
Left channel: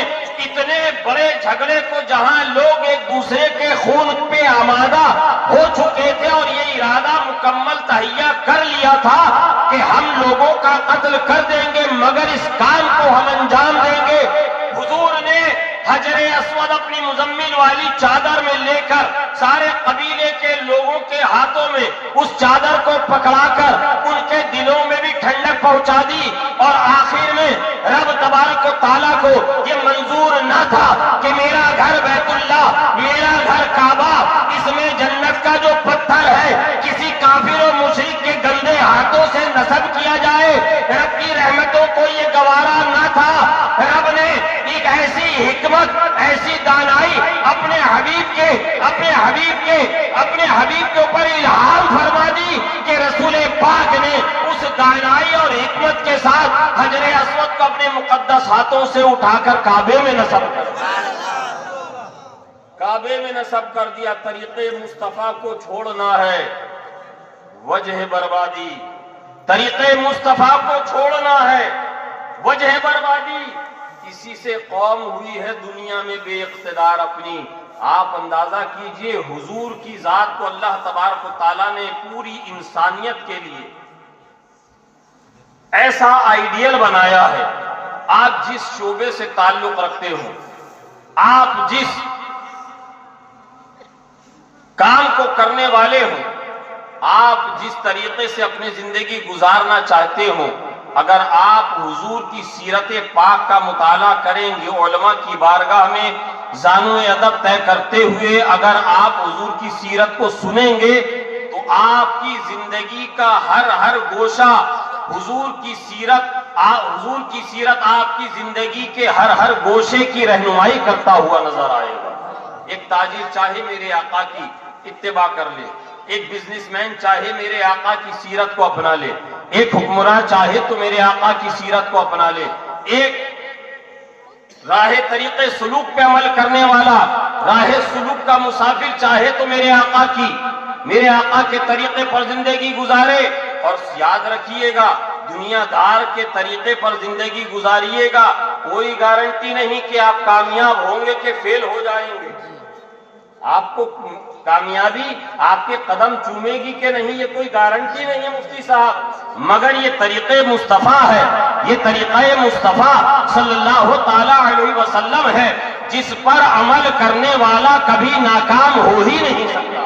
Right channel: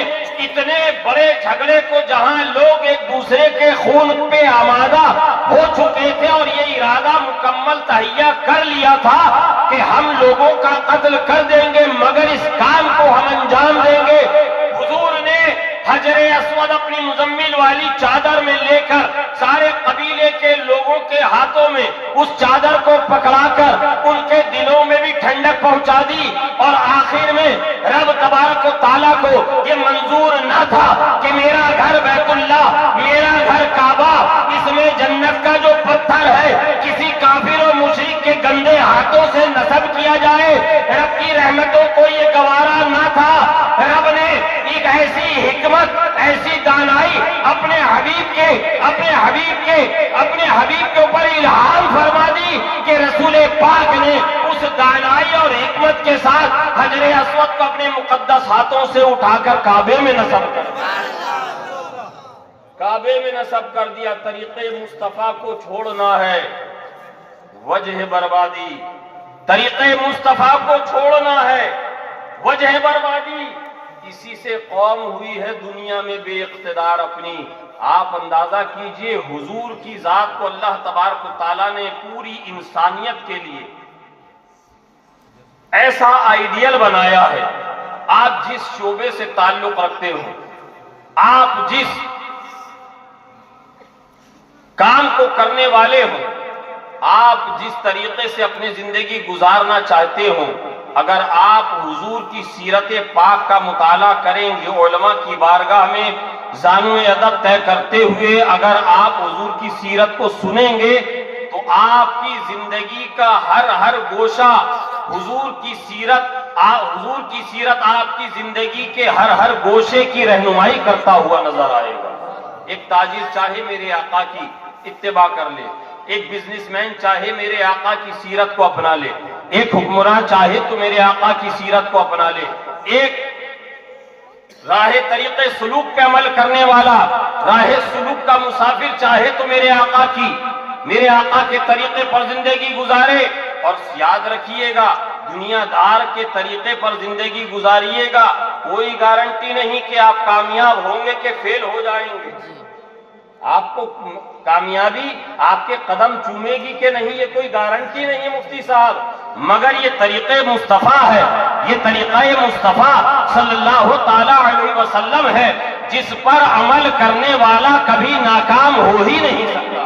اتنے بڑے جھگڑے کو جہاں لوگ ایک دوسرے کے خون پہ آمادہ ہو چکے تھے اور یہ ارادہ مکمل تہیہ کر لیا تھا کہ ہم لوگوں کا قتل کر دیں گے مگر اس کام کو ہم انجام دیں گے. حضور نے حجر اسود اپنی مزمل والی چادر میں لے کر سارے قبیلے کے لوگوں کے ہاتھوں میں اس چادر کو پکڑا کر ان کے دلوں میں بھی ٹھنڈک پہنچا دی. اور آخر میں رب تبارک و تعالیٰ کو یہ منظور نہ تھا کہ میرا گھر بیت اللہ, میرا گھر کعبہ, اس میں جنت کا جو پتھر ہے کسی کافر و مشرک کے گندے ہاتھوں سے نصب کیا جائے. رب کی رحمتوں کو یہ گوارا نہ تھا. رب نے ایک ایسی حکمت, ایسی دانائی اپنے حبیب کے اپنے حبیب کے اوپر الہام فرما دی کہ رسول پاک نے اس دانائی اور حکمت کے ساتھ حجر اسود کو اپنے مقدس ہاتھوں سے اٹھا کر کعبے میں نصب کر دیا، کعبے میں نصب کر دیا۔ طریقے مصطفیٰ کو چھوڑنا ہے وجہ بربادی، طریقے مصطفیٰ کو چھوڑنا ہے وجہ بربادی۔ اسی سے قوم ہوئی ہے دنیا میں بے اقتدار اپنی۔ آپ اندازہ کیجئے حضور کی ذات کو اللہ تبارک و تعالیٰ نے پوری انسانیت کے لیے ایسا آئیڈیل بنایا ہے۔ آپ جس شعبے سے تعلق رکھتے ہو، آپ جس کام کو کرنے والے ہو، آپ جس طریقے سے اپنی زندگی گزارنا چاہتے ہو، اگر آپ حضور کی سیرت پاک کا مطالعہ کریں گے، علماء کی بارگاہ میں زانو ادب طے کرتے ہوئے اگر آپ حضور کی سیرت کو سنیں گے تو آپ کی زندگی کا ہر گوشہ حضور کی سیرت آپ کی زندگی کے ہر گوشے کی رہنمائی کرتا ہوا نظر آئے گا۔ ایک تاجر چاہے میرے آقا کی اتباع کر لے، ایک بزنس مین چاہے میرے آقا کی سیرت کو اپنا لے، ایک حکمراں چاہے تو میرے آقا کی سیرت کو اپنا لے، ایک راہ طریقے سلوک پہ عمل کرنے والا، راہ سلوک کا مسافر چاہے تو میرے آقا کے طریقے پر زندگی گزارے۔ اور یاد رکھیے گا، دنیا دار کے طریقے پر زندگی گزاریے گا، کوئی گارنٹی نہیں کہ آپ کامیاب ہوں گے کہ فیل ہو جائیں گے۔ آپ کو کامیابی آپ کے قدم چومے گی کہ نہیں، یہ کوئی گارنٹی نہیں ہے مفتی صاحب، مگر یہ طریقے مصطفیٰ ہے، یہ طریقہ مصطفیٰ صلی اللہ تعالی علیہ وسلم ہے، جس پر عمل کرنے والا کبھی ناکام ہو ہی نہیں سکتا،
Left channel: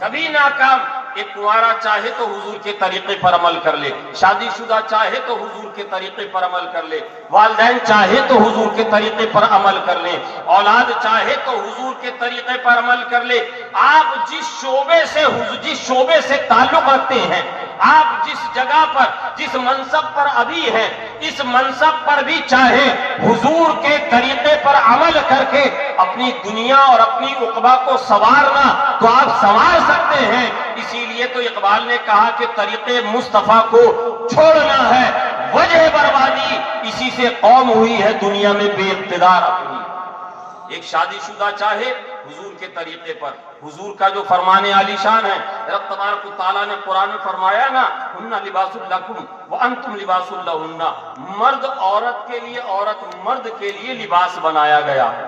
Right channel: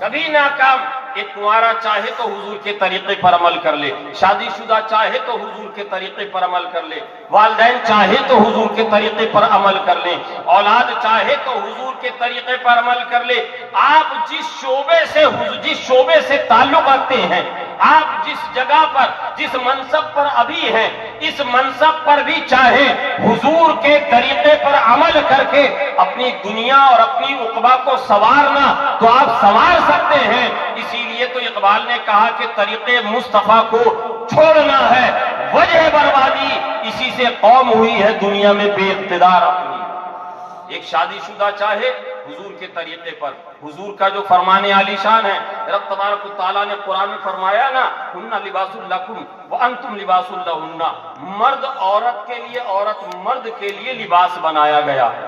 کبھی ناکام۔ ایک کنوارا چاہے تو حضور کے طریقے پر عمل کر لے، شادی شدہ چاہے تو حضور کے طریقے پر عمل کر لے، والدین چاہے تو حضور کے طریقے پر عمل کر لے، اولاد چاہے تو حضور کے طریقے پر عمل کر لے۔ آپ جس شعبے سے تعلق رکھتے ہیں، آپ جس جگہ پر جس منصب پر ابھی ہیں، اس منصب پر بھی چاہے حضور کے طریقے پر عمل کر کے اپنی دنیا اور اپنی عقبہ کو سنوارنا تو آپ سنوار سکتے ہیں۔ اسی لیے تو اقبال نے کہا کہ طریقے مصطفیٰ کو چھوڑنا ہے وجہ بربادی، اسی سے قوم ہوئی ہے دنیا میں بے اقتدار اپنی۔ ایک شادی شدہ چاہے حضور کے طریقے پر، حضور کا جو فرمان عالی شان ہے، رب تبارک و تعالیٰ نے قرآن میں فرمایا نا، ہن لباس لکم وانتم لباس لہن، مرد عورت کے لیے، عورت مرد کے لیے لباس بنایا گیا ہے،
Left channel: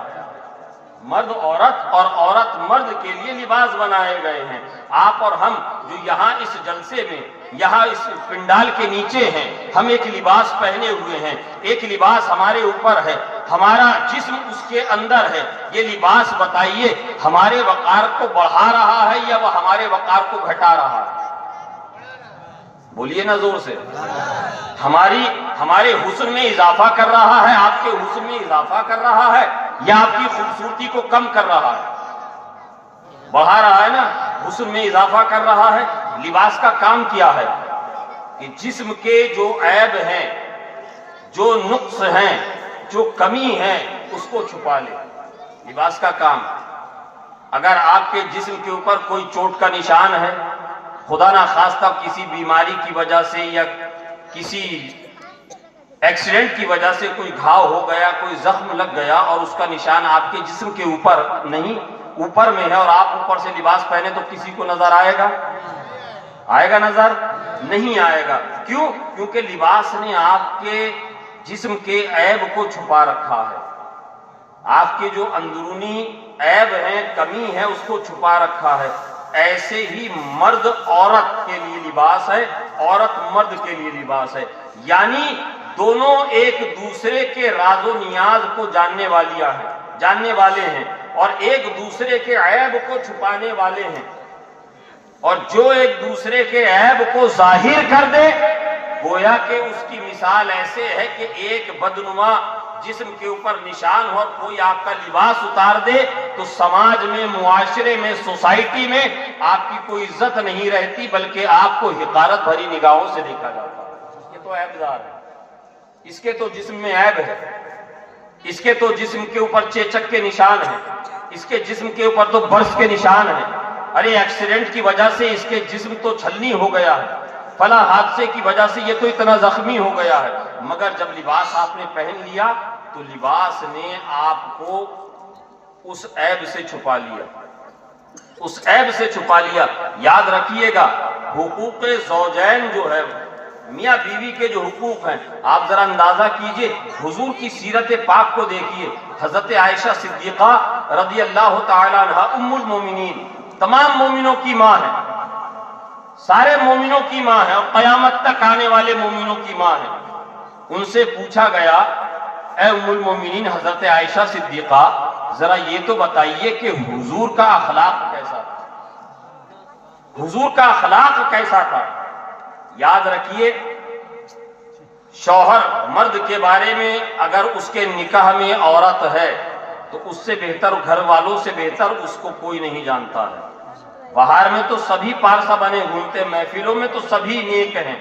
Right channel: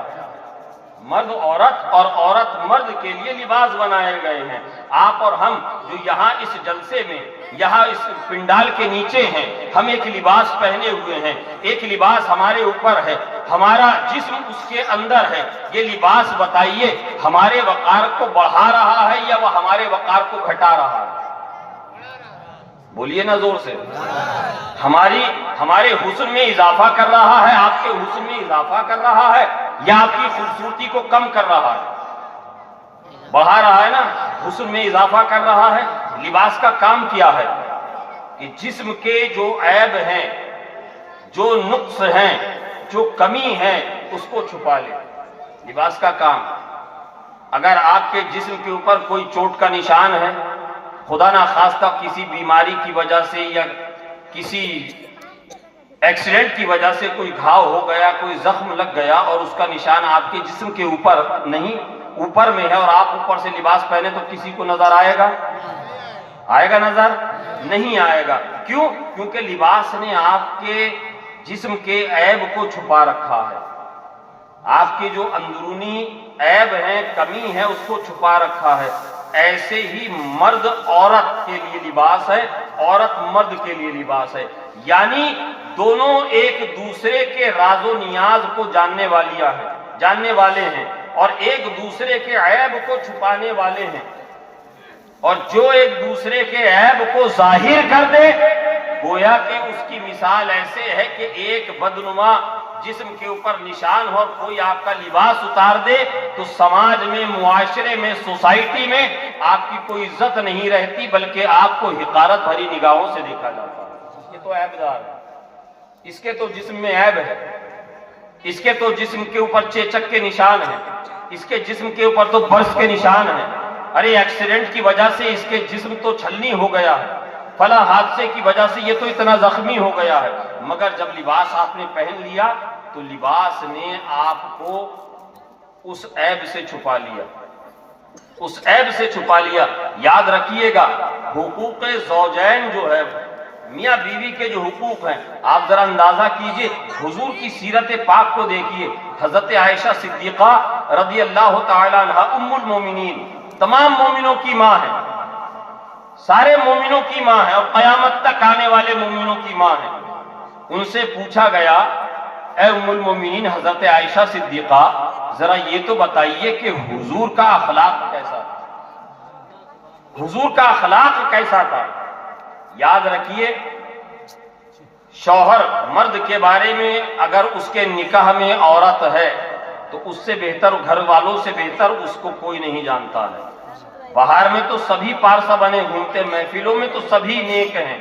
مرد عورت اور عورت مرد کے لیے لباس بنائے گئے ہیں۔ آپ اور ہم جو یہاں اس جلسے میں، یہاں اس پنڈال کے نیچے ہیں، ہم ایک لباس پہنے ہوئے ہیں، ایک لباس ہمارے اوپر ہے، ہمارا جسم اس کے اندر ہے۔ یہ لباس بتائیے ہمارے وقار کو بڑھا رہا ہے یا وہ ہمارے وقار کو گھٹا رہا ہے؟ بولیے نا زور سے۔ ہمارے حسن میں اضافہ کر رہا ہے، آپ کے حسن میں اضافہ کر رہا ہے، یا آپ کی خوبصورتی کو کم کر رہا ہے؟ بڑھا رہا ہے نا، حسن میں اضافہ کر رہا ہے۔ لباس کا کام کیا ہے کہ جسم کے جو عیب ہیں، جو نقص ہیں، جو کمی ہے، اس کو چھپا لے۔ لباس کا کام، اگر آپ کے جسم کے اوپر کوئی چوٹ کا نشان ہے، خدا نہ خواستہ کسی بیماری کی وجہ سے یا کسی ایکسیڈنٹ کی وجہ سے کوئی گھاؤ ہو گیا، کوئی زخم لگ گیا اور اس کا نشان آپ کے جسم کے اوپر نہیں، اوپر میں ہے، اور آپ اوپر سے لباس پہنے تو کسی کو نظر آئے گا؟ آئے گا نظر؟ نہیں آئے گا۔ کیوں؟ کیونکہ لباس نے آپ کے جسم کے عیب کو چھپا رکھا ہے، آپ کے جو اندرونی عیب ہیں، کمی ہے، اس کو چھپا رکھا ہے۔ ایسے ہی مرد عورت کے لیے لباس ہے، عورت مرد کے لیے لباس ہے، یعنی دونوں ایک دوسرے کے راز و نیاز کو جاننے والے ہیں اور ایک دوسرے کے عیب کو چھپانے والے ہیں، اور جو ایک دوسرے کے عیب کو ظاہر کر دے، گویا کہ اس کی مثال ایسے ہے کہ ایک بدنما جسم کے اوپر نشان ہو اور کوئی آپ کا لباس اتار دے تو سماج میں، معاشرے میں، سوسائٹی میں آپ کی کوئی عزت نہیں رہتی، بلکہ آپ کو حقارت بھری نگاہوں سے دیکھا جاتا ہے۔ یہ تو عیب دار ہے، اس کے تو جسم میں عیب ہے، اس کے تو جسم کے اوپر چیچک کے نشان ہیں، اس کے جسم کے اوپر تو برس کے نشان ہیں، ارے ایکسیڈنٹ کی وجہ سے اس کے جسم تو چھلنی ہو گیا ہے، فلاں حادثے کی وجہ سے یہ تو اتنا زخمی ہو گیا ہے. مگر جب لباس آپ نے پہن لیا تو لباس نے آپ کو اس عیب سے چھپا لیا، اس عیب سے چھپا لیا. یاد رکھیے گا حقوق زوجین جو ہے، میاں بیوی کے جو حقوق ہیں، آپ ذرا اندازہ کیجئے، حضور کی سیرت پاک کو دیکھیے. حضرت عائشہ صدیقہ رضی اللہ تعالی عنہا ام المومنین، تمام مومنوں کی ماں ہے، سارے مومنوں کی ماں ہے اور قیامت تک آنے والے مومنوں کی ماں ہے. ان سے پوچھا گیا اے ام المومنین حضرت عائشہ صدیقہ، ذرا یہ تو بتائیے کہ حضور کا اخلاق کیسا تھا، حضور کا اخلاق کیسا تھا. یاد رکھیے شوہر مرد کے بارے میں اگر اس کے نکاح میں عورت ہے تو اس سے بہتر، گھر والوں سے بہتر اس کو کوئی نہیں جانتا ہے. باہر میں تو سبھی پارسا بنے گھومتے، محفلوں میں تو سبھی نیک ہیں،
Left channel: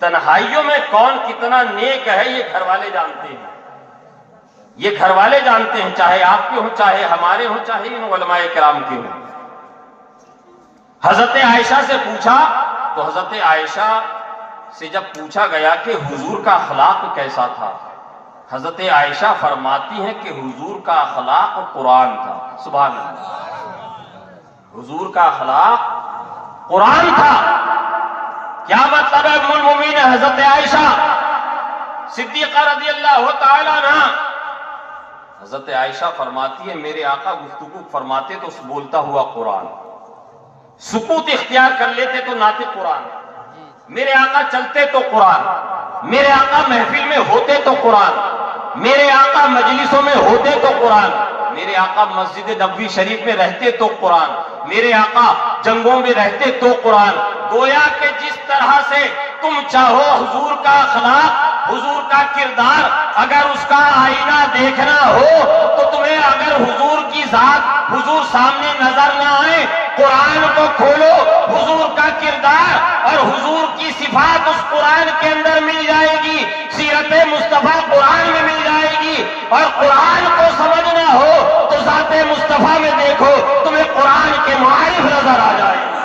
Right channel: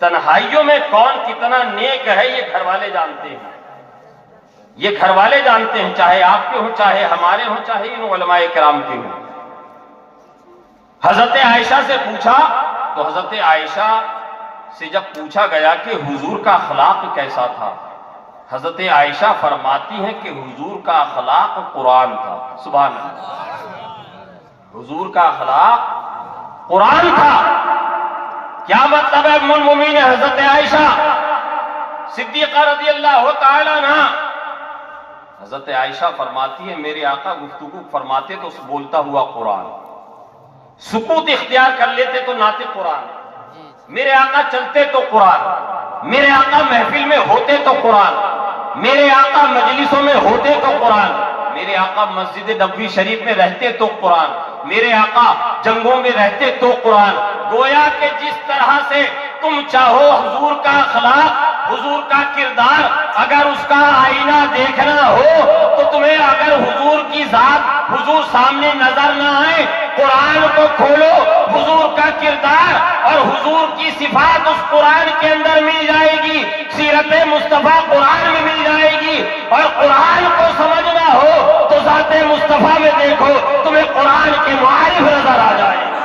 تنہائیوں میں کون کتنا نیک ہے یہ گھر والے جانتے ہیں، یہ گھر والے جانتے ہیں، چاہے آپ کے ہوں، چاہے ہمارے ہوں، چاہے ان علماء کرام کے ہوں. حضرت عائشہ سے پوچھا تو حضرت عائشہ سے جب پوچھا گیا کہ حضور کا اخلاق کیسا تھا، حضرت عائشہ فرماتی ہیں کہ حضور کا اخلاق قرآن تھا. سبحان اللہ، حضور کا اخلاق قرآن تھا. کیا مطلب ہے ام المومنین حضرت عائشہ صدیقہ رضی اللہ تعالی عنہ؟ حضرت عائشہ فرماتی ہے میرے آقا گفتگو فرماتے تو بولتا ہوا قرآن، سکوت اختیار کر لیتے تو ناطق قرآن، میرے آقا چلتے تو قرآن، میرے آقا محفل میں ہوتے تو قرآن، میرے آقا مجلسوں میں ہوتے تو قرآن، میرے آقا مسجد نبوی شریف میں رہتے تو قرآن، میرے آقا جنگوں میں رہتے تو قرآن. گویا کہ جس طرح سے تم چاہو حضور کا اخلاق، حضور کا کردار، اگر اس کا آئینہ دیکھنا ہو تو تمہیں اگر حضور کی ذات حضور سامنے نظر نہ آئے، قرآن کو کھولو، حضور کا کردار اور حضور کی صفات اس قرآن کے اندر مل جائے گی، سیرت مصطفیٰ قرآن میں مل جائے گی. اور قرآن کو سمجھنا ہو تو ذات مصطفیٰ میں دیکھو، تمہیں قرآن کے معارف نظر آ جائیں گے،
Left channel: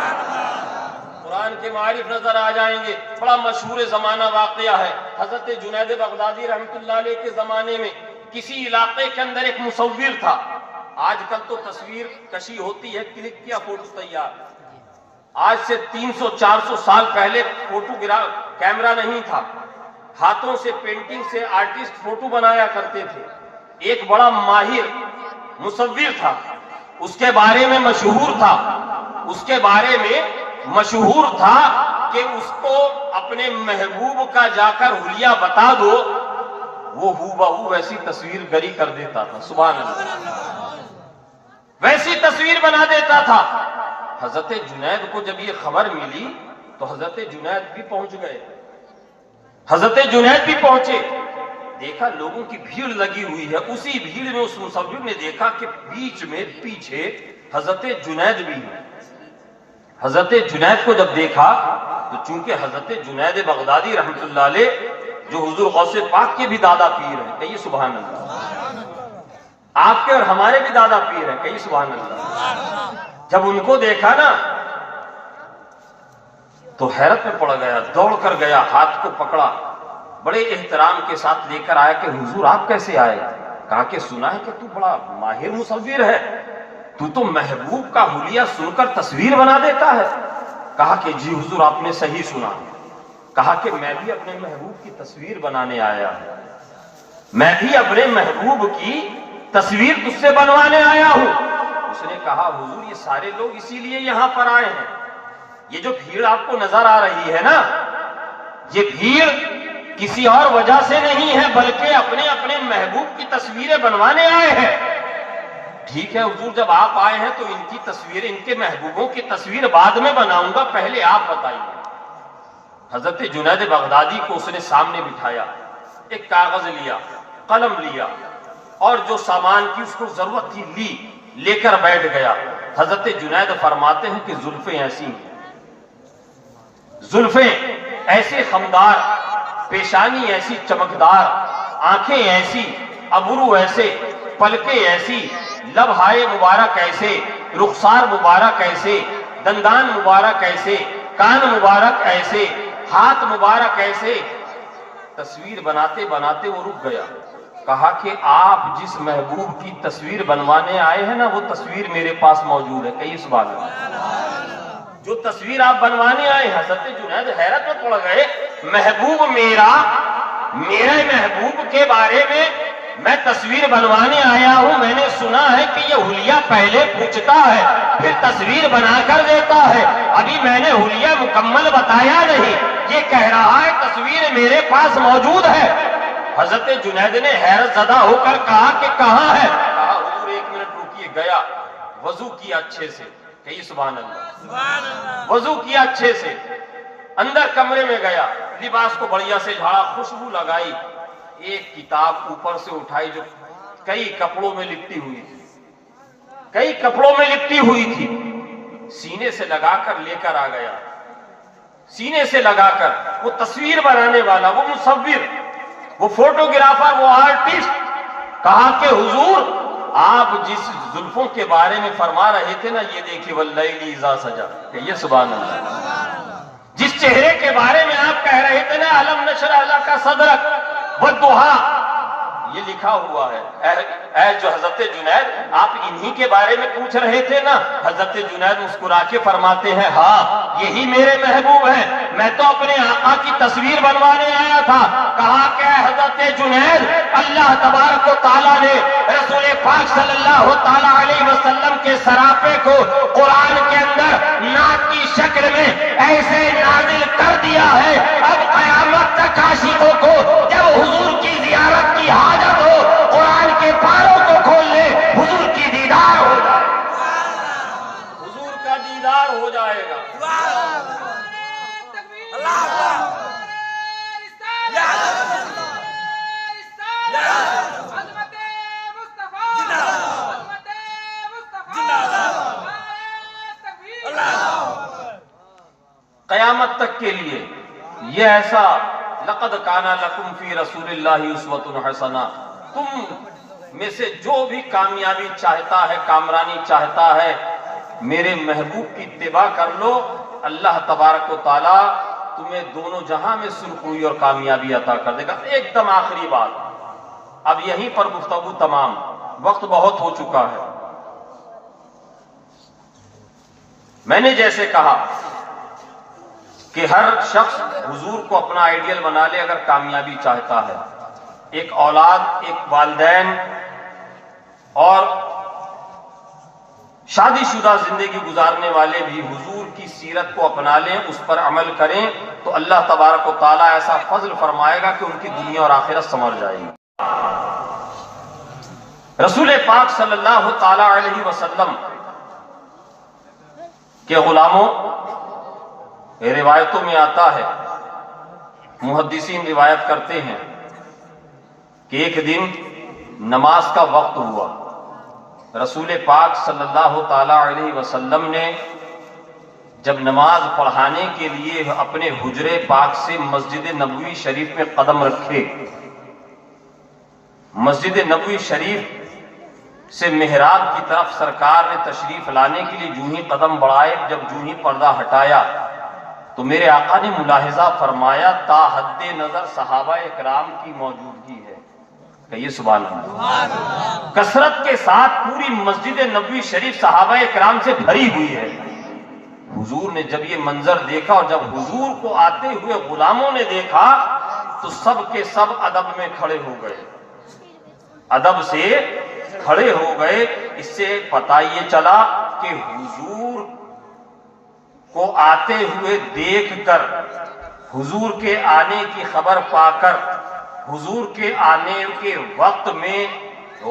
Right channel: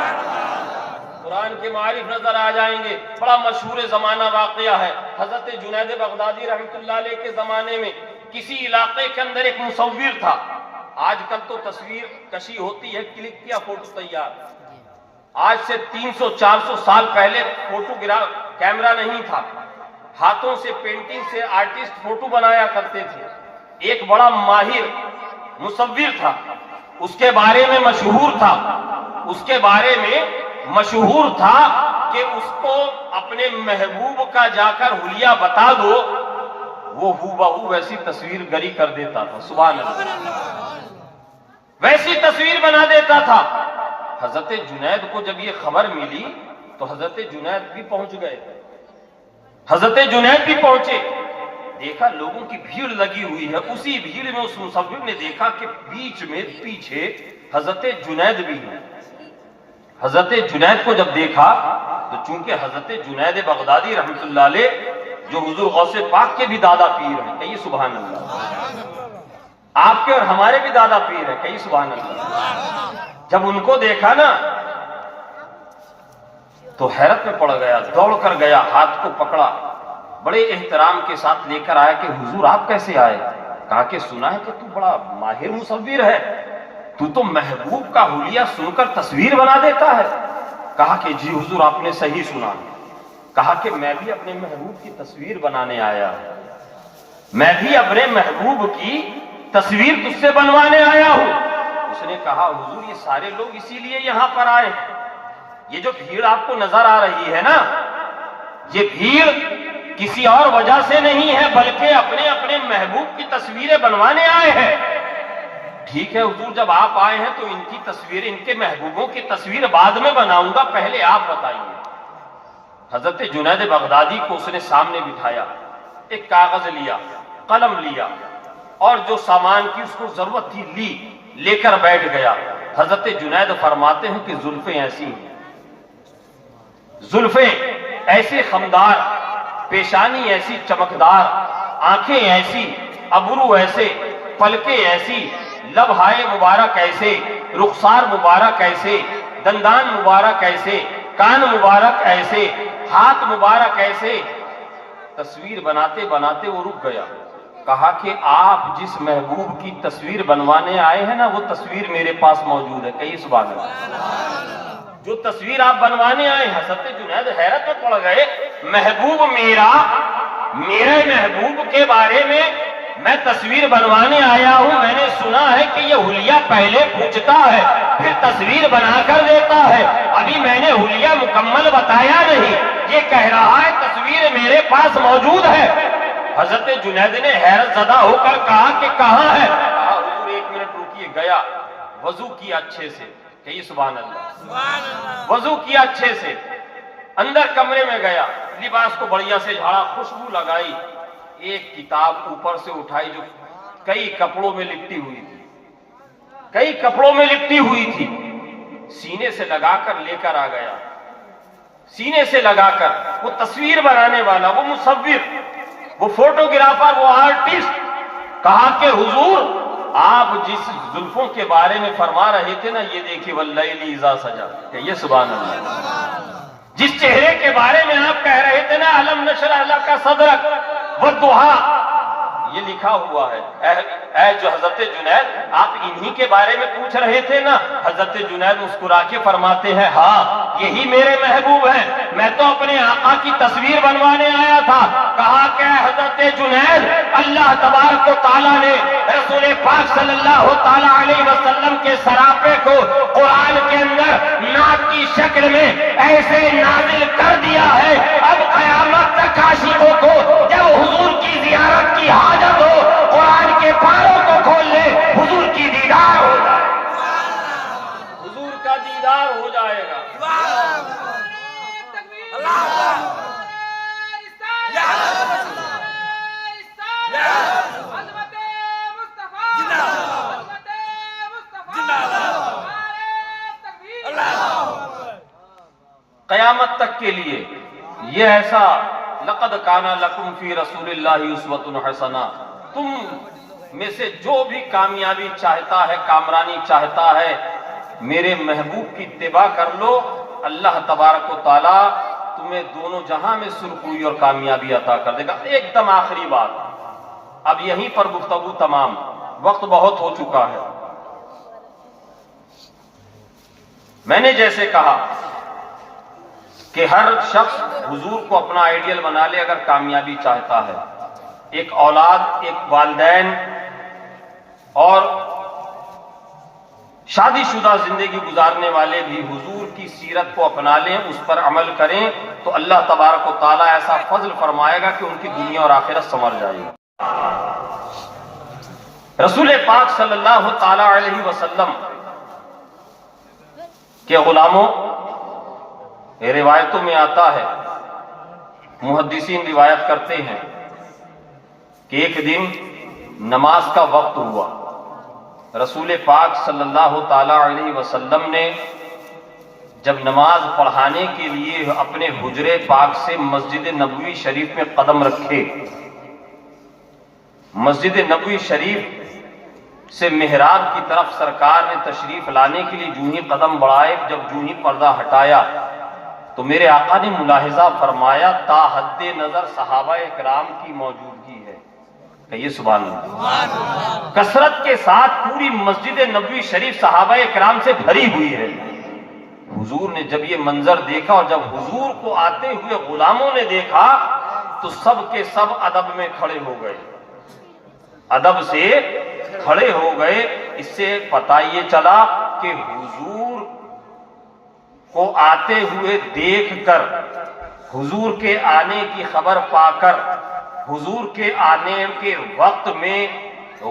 قرآن کے معارف نظر آ جائیں گے. بڑا مشہور زمانہ واقعہ ہے، حضرت جنید بغدادی رحمۃ اللہ علیہ کے زمانے میں کسی علاقے کے اندر ایک مصور تھا. آج کل تو تصویر کشی ہوتی ہے، کلک کیا فوٹو تیار. آج سے 300-400 سال پہلے کیمرہ نہیں تھا، ہاتھوں سے پینٹنگ سے آرٹسٹ فوٹو بنایا کرتے تھے. ایک بڑا ماہر مصور تھا، اس کے بارے میں مشہور تھا، اس کے بارے میں مشہور تھا کہ اس کو اپنے محبوب کا جا کر حلیہ بتا دو، وہ ہو بہو ویسی تصویر گری کر دیتا تھا. سبحان اللہ، ویسی تصویر بنا دیتا تھا. حضرت جنید کو جب یہ خبر ملی تو حضرت جنید بھی پہنچ گئے، حضرت جنید بھی پہنچے، دیکھا لوگوں کی بھیڑ لگی ہوئی ہے. اسی بھیڑ میں اس مصور نے دیکھا کہ بیچ میں پیچھے حضرت جنید بھی ہیں. حضرت جنید کو جب دیکھا تو چونکہ حضرت جنید بغدادی رحمۃ اللہ علیہ جو حضور غوث پاک کے بھی دادا پیر ہیں، کہیے سبحان اللہ، آپ کے اور ہمارے بھی دادا پیر ہیں، کہیے سبحان اللہ. جب ان کو دیکھا نا تو حیرت میں پڑ گیا، دوڑ کر گیا، ہاتھ کو پکڑا، بڑے احترام کے ساتھ لے کر آیا کہ حضور آپ کیسے آئے؟ کہا کہ سنا ہے کہ تو بڑا ماہر مصور ہے، تو محبوب کا حلیہ سن کر تصویر بنا دیتا ہے. کہا کہ جی حضور آپ نے صحیح سنا. کہا کہ میں بھی اپنے محبوب کی تصویر بنانے آیا ہوں، میں بھی اپنے محبوب کی تصویر تجھ سے بنوانے آیا ہوں. اس نے کہا حضور یہ سارے لوگ اسی لیے یہاں پر آئے ہیں، یہ جو بھیڑ آپ کو نظر آ رہی ہے نا، یہ بھیڑ کسی اور وجہ سے نہیں ہے بلکہ اپنے اپنے محبوب کی تصویریں بنوانے آئے ہیں. ٹھیک ہے حضور جب آپ آئے ہیں تو ان کی تصویریں، ان کے محبوبوں کی تصویر بعد میں بناؤں گا، پہلے آپ بتائیے. حضرت جنید بغدادی کو اس نے سامنے بٹھایا، ایک کاغذ لیا، قلم لیا اور جو سامان کی اس کو ضرورت تھی لے کر بیٹھ گیا. حضرت جنید فرماتے ہیں کہ زلفیں ایسی ہیں، زلفیں ایسے خمدار، پیشانی ایسی چمکدار، آنکھیں ایسی، ابرو ایسے، پلکیں ایسی، لبہائے مبارک ایسے، رخسار مبارک ایسے، دندان مبارک ایسے، کان مبارک ایسے، ہاتھ مبارک ایسے۔ تصویر بناتے بناتے وہ رک گیا، کہا کہ آپ جس محبوب کی تصویر بنوانے آئے ہیں نا وہ تصویر میرے پاس موجود ہے۔ کہیے سبحان اللہ۔ جو تصویر آپ بنوانے آئے ہیں، حضرت جنید حیرت میں پڑ گئے، محبوب میرے محبوب کے بارے میں تصویر بنوانے آیا ہوں، میں نے سنا ہے کہ یہ حلیہ پہلے پوچھتا ہے پھر تصویر بنا کر دیتا ہے، ابھی میں نے حلیہ مکمل بتایا نہیں، یہ کہہ رہا ہے تصویر میرے پاس موجود ہے۔ حضرت جنید نے حیرت زدہ ہو کر کہا کہ کہاں ہے؟ کہا حضور ایک منٹ رکیے، گیا وضو کیا اچھے سے، کہیے سبحان اللہ، وضو کیا اچھے سے، اندر کمرے میں گیا، لباس کو بڑھیا سے جھاڑا، خوشبو لگائی، ایک کتاب اوپر سے اٹھائی جو کئی کپڑوں میں لپٹی ہوئی تھی، سینے سے لگا کر لے کر آ گیا، سینے سے لگا کر۔ وہ تصویر بنانے والا، وہ مصور، وہ فوٹوگرافر، وہ آرٹسٹ، کہا کہ حضور آپ جس زلفوں کے بارے میں فرما رہے تھے نا، یہ دیکھیے واللیل اذا سجا، کہیے سبحان اللہ۔ جس چہرے کے بارے میں آپ کہہ رہے تھے نا الم نشرح لک صدرک والضحیٰ، یہ لکھا ہوا ہے۔ اے جو حضرت جنید آپ انہی کے بارے میں پوچھ رہے تھے نا؟ حضرت جنید مسکرا کے فرماتے ہیں ہاں یہی میرے محبوب ہیں، میں تو اپنے آقا کی تصویر بنوانے آیا تھا۔ کہا کہ حضرت جنید اللہ تبارک و تعالیٰ نے رسول پاک صلی اللہ تعالیٰ علیہ وسلم کے سراپے کو قرآن کے اندر نعت کی شکل میں ایسے نازل کر دیا ہے، اب قیامت تک عاشقوں کو جب حضور کی زیارت کی حاجت ہو قرآن کے پاروں کو کھول لے، حضور کی دیدار ہو جائے، حضور کا دیدار ہو جائے گا۔ قیامت تک کے لیے یہ ایسا لقد کان لکم فی رسول اللہ اسوۃ حسنہ، تم میں سے جو بھی کامیابی چاہتا ہے، کامرانی چاہتا ہے، میرے محبوب کی اتباع کر لو، اللہ تبارک و تعالی تمہیں دونوں جہاں میں سرخروئی اور کامیابی عطا کر دے گا۔ ایک دم آخری بات، اب یہیں پر گفتگو تمام، وقت بہت ہو چکا ہے۔ میں نے جیسے کہا کہ ہر شخص حضور کو اپنا آئیڈیل بنا لے اگر کامیابی چاہتا ہے، ایک اولاد، ایک والدین اور شادی شدہ زندگی گزارنے والے بھی حضور کی سیرت کو اپنا لیں، اس پر عمل کریں تو اللہ تبارک و تعالیٰ ایسا فضل فرمائے گا کہ ان کی دنیا اور آخرت سنور جائے گی۔ رسول پاک صلی اللہ تعالیٰ علیہ وسلم کے غلاموں، روایتوں میں آتا ہے، محدثین روایت کرتے ہیں کہ ایک دن نماز کا وقت ہوا، رسول پاک صلی اللہ تعالیٰ علیہ وسلم نے جب نماز پڑھانے کے لیے اپنے حجرے پاک سے مسجد نبوی شریف میں قدم رکھے، مسجد نبوی شریف سے محراب کی طرف سرکار نے تشریف لانے کے لیے جو ہی قدم بڑھائے، جب جو ہی پردہ ہٹایا تو میرے آقا نے ملاحظہ فرمایا تا حد نظر صحابہ اکرام کی موجودگی ہے، کہیے سبحان اللہ۔ کثرت کے ساتھ پوری مسجد نبوی شریف صحابہ اکرام سے بھری ہوئی ہے۔ حضور نے جب یہ منظر دیکھا اور جب حضور کو آتے ہوئے غلاموں نے دیکھا تو سب کے سب ادب میں کھڑے ہو گئے، ادب سے کھڑے ہو گئے۔ اس سے پتہ یہ چلا کہ حضور کو آتے ہوئے دیکھ کر، حضور کے آنے کی خبر پا کر، حضور کے آنے کے وقت میں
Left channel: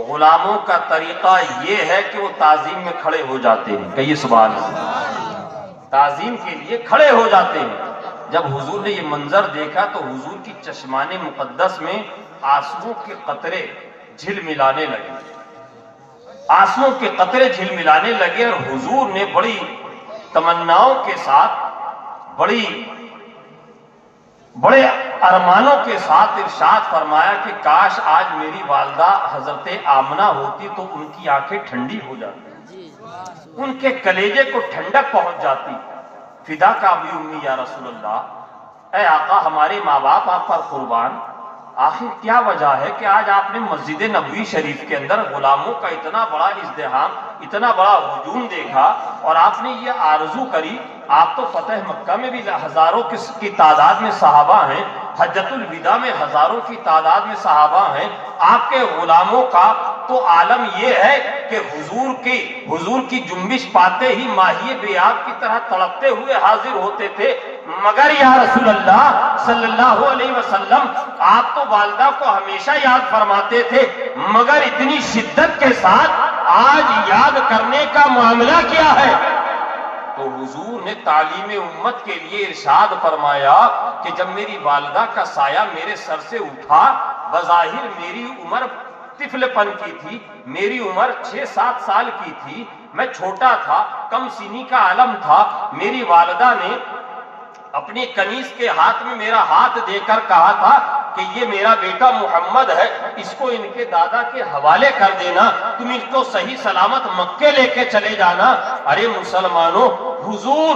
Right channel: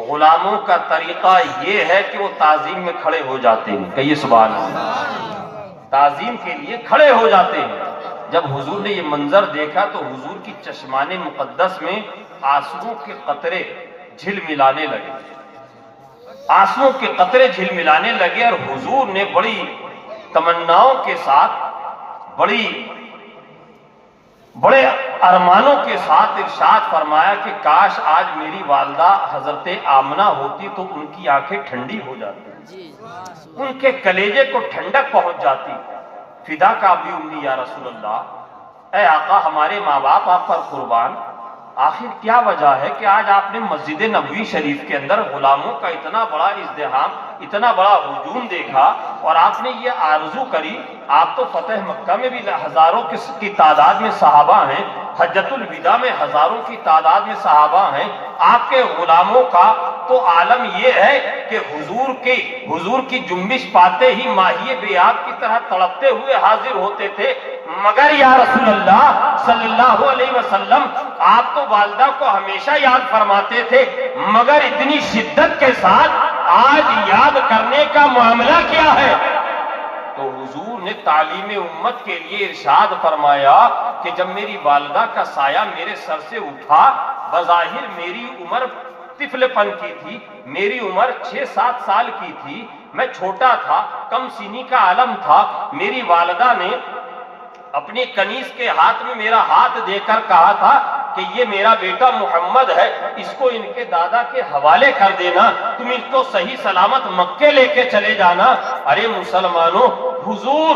غلاموں کا طریقہ یہ ہے کہ وہ تعظیم میں کھڑے ہو جاتے ہیں، کہیے سبحان اللہ، تعظیم کے لیے کھڑے ہو جاتے ہیں۔ جب حضور نے یہ منظر دیکھا تو حضور کی چشمان مقدس میں آنسوؤں کے قطرے جھلملانے لگے، آنسوؤں کے قطرے جھلملانے لگے، اور حضور نے بڑی تمناؤں کے ساتھ، بڑی بڑے ارمانوں کے ساتھ ارشاد فرمایا کہ کاش آج میری والدہ حضرت آمنہ ہوتی تو ان کی آنکھیں ٹھنڈی ہو جاتی، ان کے کلیجے کو ٹھنڈک پہنچ جاتی۔ فدا کا بھی امی یا رسول اللہ، اے آقا ہمارے ماں باپ آپ پر قربان، آخر کیا وجہ ہے کہ آج آپ نے مسجد نبوی شریف کے اندر غلاموں کا اتنا بڑا ازدحام، اتنا بڑا ہجوم دیکھا، اور آپ نے یہ آرزو کری؟ آپ تو فتح مکہ میں بھی ہزاروں کی تعداد میں صحابہ ہیں، حجۃ الوداع میں ہزاروں کی تعداد میں صحابہ ہیں، آپ کے غلاموں کا تو عالم یہ ہے کہ حضور کی جنبش پاتے ہی ماہی بیاب کی طرح تڑپتے ہوئے حاضر ہوتے تھے، مگر یا رسول اللہ صلی اللہ علیہ وسلم آپ تو والدہ کو ہمیشہ یاد فرماتے تھے، مگر اتنی شدت کے ساتھ آج یاد کرنے کا معاملہ کیا ہے؟ تو حضور نے تعلیم امت کے لیے ارشاد فرمایا کہ جب میری والدہ کا سایہ میرے سر سے اٹھا، بظاہر میری عمر طفل پن کی تھی، میری عمر 6-7 سال کی تھی، میں چھوٹا تھا، کم سنی کا عالم تھا، میری والدہ نے اپنے کنیز کے ہاتھ میں میرا ہاتھ دے کر کہا تھا کہ یہ میرا بیٹا محمد ہے، اس کو ان کے دادا کے حوالے کر دینا، تم اس کو صحیح سلامت مکے لے کے چلے جانا۔ ارے مسلمانوں، حضور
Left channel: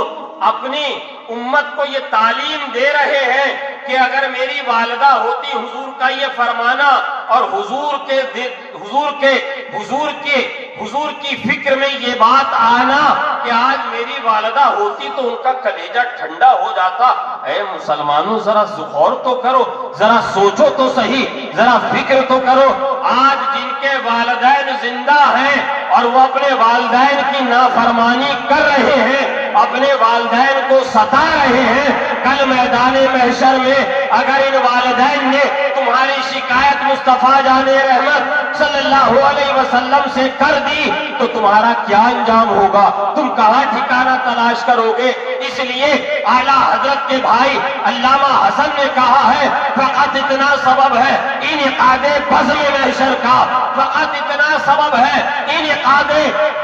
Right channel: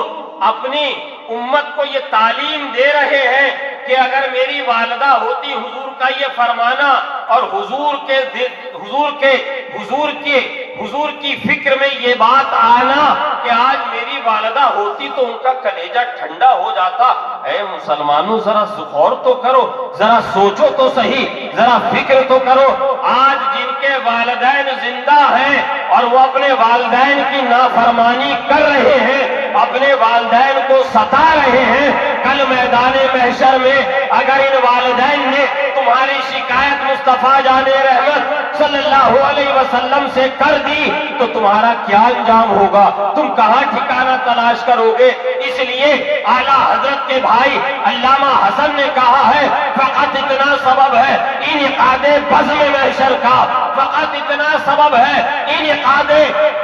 اپنی امت کو یہ تعلیم دے رہے ہیں کہ اگر میری والدہ ہوتی، حضور کا یہ فرمانا اور حضور کی فکر میں یہ بات آنا کہ آج میری والدہ ہوتی تو ان کا کلیجہ ٹھنڈا ہو جاتا۔ اے مسلمانوں، ذرا غور تو کرو، ذرا سوچو تو صحیح، ذرا فکر تو کرو۔ آج جن کے والدین زندہ ہیں اور وہ اپنے والدین کی نافرمانی کر رہے ہیں، اپنے والدین کو ستا رہے ہیں، کل میدان محشر میں اگر ان والدین نے تمہاری شکایت مصطفیٰ جان رحمت صلی اللہ علیہ وسلم سے کر دی تو تمہارا کیا انجام ہوگا؟ تم کہاں ٹھکانہ تلاش کرو گے؟ اس لیے اعلیٰ حضرت کے بھائی علامہ حسن نے کہا ہے، فقط اتنا سبب ہے انعقاد بزم محشر کا، فقط اتنا سبب ہے انعقاد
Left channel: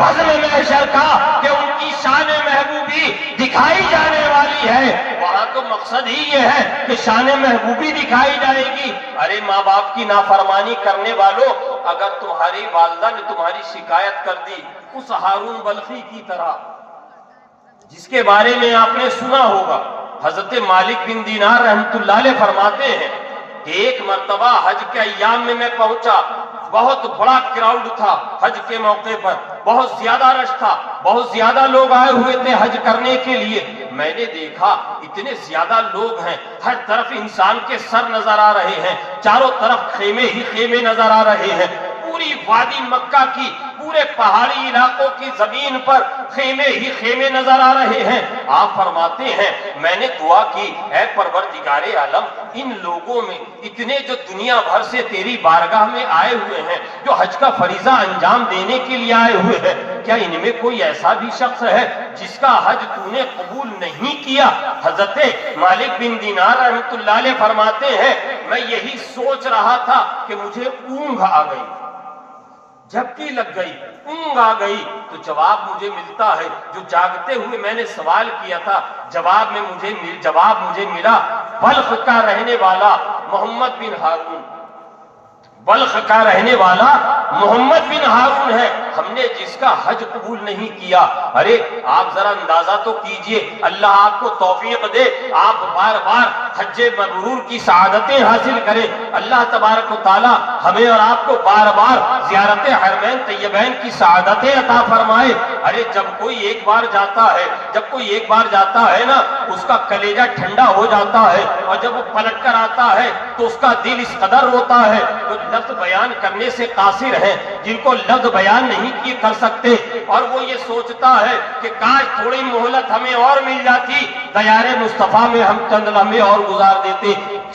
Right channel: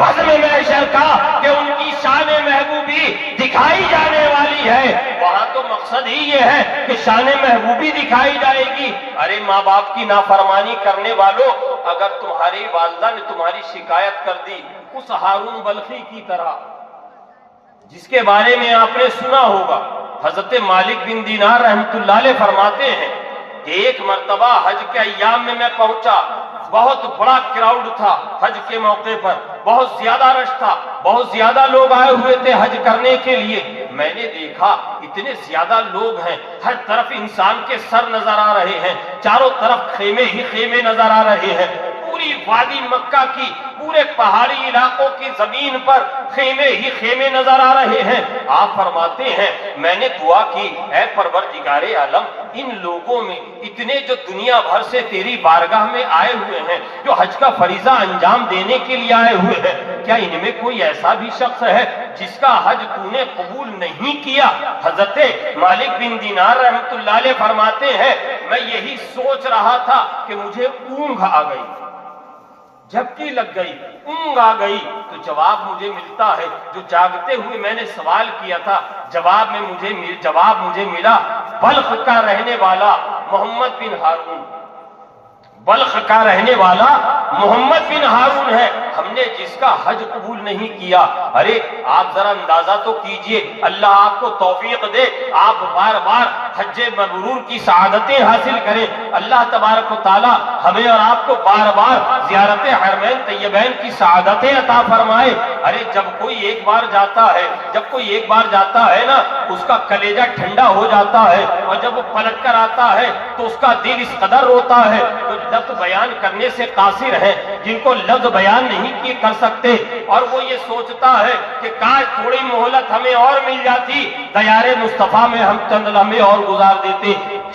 بزم محشر کا کہ ان کی شان محبوبی دکھائی جانے والی ہے۔ وہاں تو مقصد ہی یہ ہے کہ شان محبوبی دکھائی جائے گی۔ ارے ماں باپ کی نافرمانی کرنے والوں، اگر تمہاری والدہ نے تمہاری شکایت کر دی اس ہارون بلخی کی طرح، جس کے بارے میں آپ نے سنا ہوگا، حضرت مالک بن دینار رحمت اللہ علیہ فرماتے ہیں کہ ایک مرتبہ حج کے ایام میں پہنچا، بہت بڑا کراؤڈ تھا حج کے موقع پر، بہت زیادہ رش تھا، بہت زیادہ لوگ آئے ہوئے تھے حج کرنے کے لیے۔ میں نے دیکھا اتنے زیادہ لوگ ہیں، ہر طرف انسان کے سر نظر آ رہے ہیں، چاروں طرف خیمے ہی خیمے نظر آ رہے ہیں، پوری وادی مکہ کی، پورے پہاڑی علاقوں کی زمین پر خیمے ہی خیمے نظر آ رہے ہیں۔ آپ فرماتے ہیں میں نے دعا کی، اے پروردگار عالم، ان لوگوں میں اتنے جو دنیا بھر سے تیری بارگاہ میں آئے ہوئے ہیں، جو حج کا فریضہ انجام دینے کے لیے آئے ہوئے ہیں، کیا ان میں کوئی ایسا بھی شخص ہے جس کا حج تو نے قبول نہیں کیا؟ حضرت مالک بن دینار رحمت اللہ علیہ فرماتے ہیں میں یہی سوچ رہا تھا کہ مجھے اونگ آ گئی، جھپکی لگ گئی، اونگ آ گئی، تو جواب مجھے ملتا ہے جو جاگتے ہوئے میں نے سوال کیا تھا، جواب مجھے ملا، بلخ کا رہنے والا محمد بن ہارون، بلخ کا رہنے والا محمد بن ہارون ہے، ہم نے جس کا حج قبول نہیں کیا۔ ارے آپ ذرا اندازہ تو کیجئے، اللہ آپ کو توفیق دے، آپ بار بار حج مبرور کی سعادتیں حاصل کریں، اللہ تبارک و تعالی ہمیں اور آپ کو بار بار زیارت حرمین طیبین کی سعادتیں عطا فرمائے۔ ارے جب کوئی ایک بار جاتا ہے نا، اس کا کلیجہ ٹھنڈا ہو جاتا ہے، اور جب وہ پلٹ کر آتا ہے تو اس کا دل اس قدر روتا ہے، تو لفظ بیان کرنے سے قاصر ہیں، جن کو لفظ بیان نہیں کر سکتے، اور وہ یہ سوچتا ہے کہ کاش تھوڑی مہلت ہمیں اور مل جاتی، دیار مصطفیٰ میں ہم چند لمحے اور گزار دیتے،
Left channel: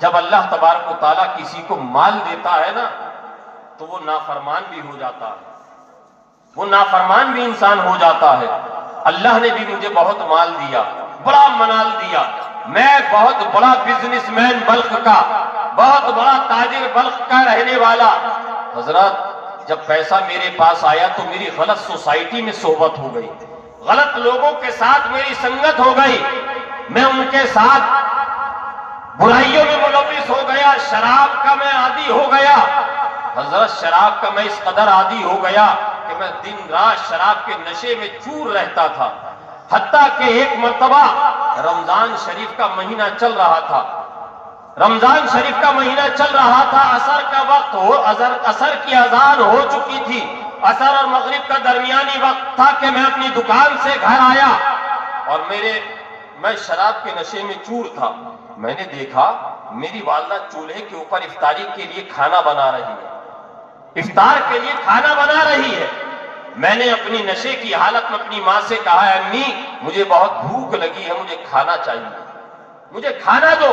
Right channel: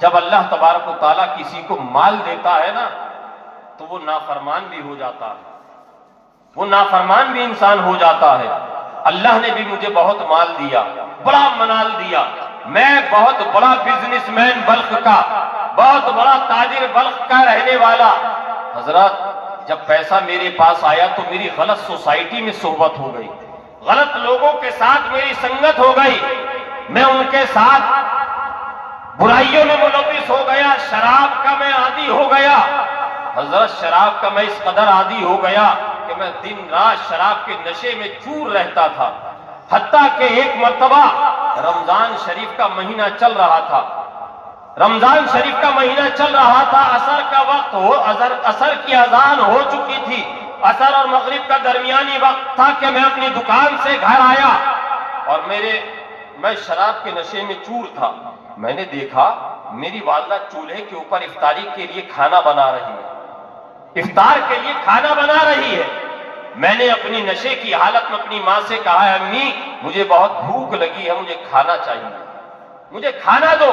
جب اللہ تبارک و تعالیٰ کسی کو مال دیتا ہے نا تو وہ نافرمان بھی ہو جاتا ہے، وہ نافرمان بھی انسان ہو جاتا ہے۔ اللہ نے بھی مجھے بہت مال دیا، بڑا منال دیا، میں بہت بڑا بزنس مین بلخ کا، بہت بڑا تاجر بلخ کا رہنے والا۔ حضرات جب پیسہ میرے پاس آیا تو میری غلط سوسائٹی میں صحبت ہو گئی، غلط لوگوں کے ساتھ میری سنگت ہو گئی، میں ان کے ساتھ برائیوں میں ملوث ہو گیا، شراب کا میں عادی ہو گیا۔ حضرت شراب کا میں اس قدر عادی ہو گیا کہ میں دن رات شراب کے نشے میں چور رہتا تھا، حتیٰ کہ ایک مرتبہ رمضان شریف کا مہینہ چل رہا تھا، رمضان شریف کا مہینہ چل رہا تھا، عصر کا وقت ہو، عصر کی اذان ہو چکی تھی، عصر اور مغرب کا درمیانی وقت تھا کہ میں اپنی دکان سے گھر آیا اور میں شراب کے نشے میں چور تھا۔ میں نے دیکھا میری والدہ چولہے کے اوپر افطاری کے لیے کھانا بنا رہی ہے، افطار کے لیے کھانا بنا رہی ہے۔ میں نے اپنی نشے کی حالت میں اپنی ماں سے کہا ہے امی مجھے بہت بھوک لگی ہے، مجھے کھانا چاہیے، مجھے کھانا دو۔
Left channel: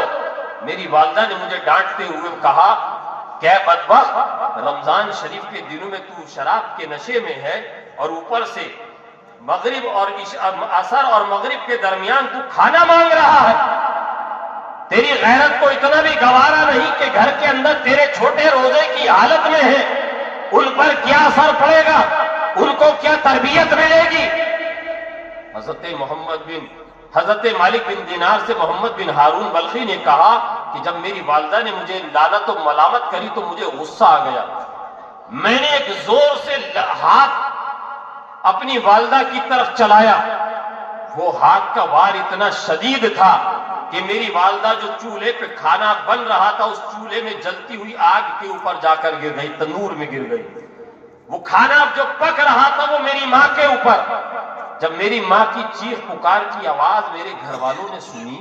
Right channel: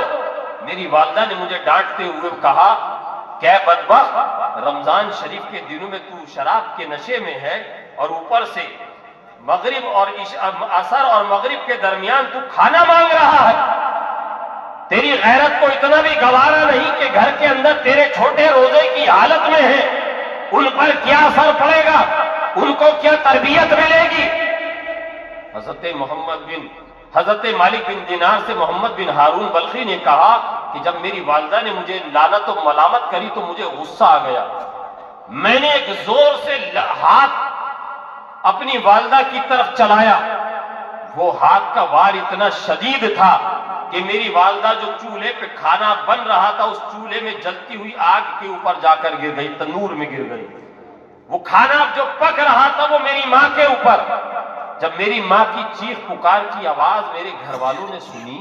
میری والدہ نے مجھے ڈانٹتے ہوئے کہا کہ بدبخت، رمضان شریف کے دنوں میں تو شراب کے نشے میں ہے اور اوپر سے مغرب اور عصر اور مغرب کے درمیان تو کھانا مانگ رہا ہے، تیری غیرت کو اتنا بھی گوارا نہیں کہ گھر کے اندر تیرے چھوٹے روزے کی حالت میں ہے، ان پر کیا اثر پڑے گا، ان کو کیا تربیت ملے گی۔ حضرت مالک بن دینار سے محمد بن ہارون بلخی نے کہا کہ جب میری والدہ نے مجھے لعنت و ملامت کری تو مجھے غصہ آ گیا، میں نے ایک زور سے ہاتھ اپنی والدہ کی طرف چلایا، وہ ہاتھ کا وار اتنا شدید تھا کہ میری والدہ جو چولہے پہ کھانا بن رہا تھا اس چولہے میں جلتی ہوئی آگ کے اوپر جا کر گر گئی، تنور میں گر گئی۔ وہ کھانا جو پک رہا تھا وہ میری ماں کے اوپر۔ جب میری ماں کی چیخ پکار کی آواز میرے گھر والوں نے سنی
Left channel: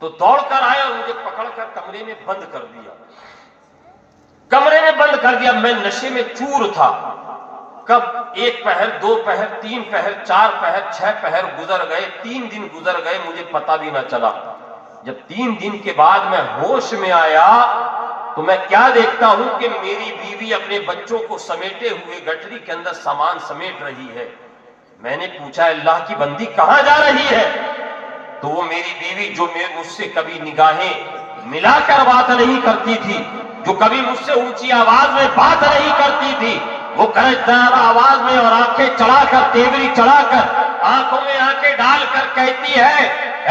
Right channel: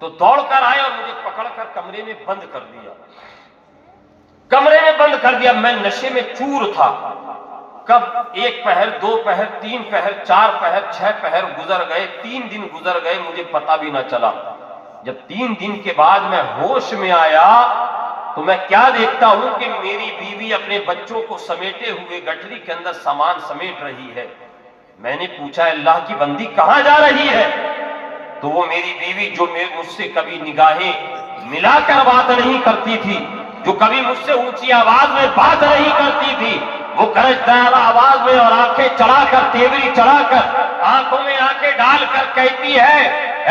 تو دوڑ کر آئے اور مجھے پکڑ کر کمرے میں بند کر دیا، کمرے میں بند کر دیا۔ میں نشے میں چور تھا، کب 1 پہر 2 پہر 3 پہر 4 پہر 6 پہر گزر گئے، 3 دن گزر گئے، مجھے پتہ بھی نہ چلا۔ جب 3 دن کے بعد میں ہوش میں آیا تو میں کیا دیکھتا ہوں کہ میری بیوی اپنے بچوں کو سمیٹے ہوئے گٹری کے اندر سامان سمیٹ رہی ہے۔ میں نے پوچھا اللہ کی بندی کہاں جا رہی ہے؟ تو وہ میری بیوی جو مجھ سے کبھی نگاہیں ملا کر بات نہیں کرتی تھی، جو کبھی مجھ سے اونچی آواز میں بات نہیں کرتی تھی، وہ گرجدار آواز میں اور آنکھیں چڑھا کر، تیوری چڑھا کر، آنکھوں میں آنکھیں ڈال کر کہتی ہے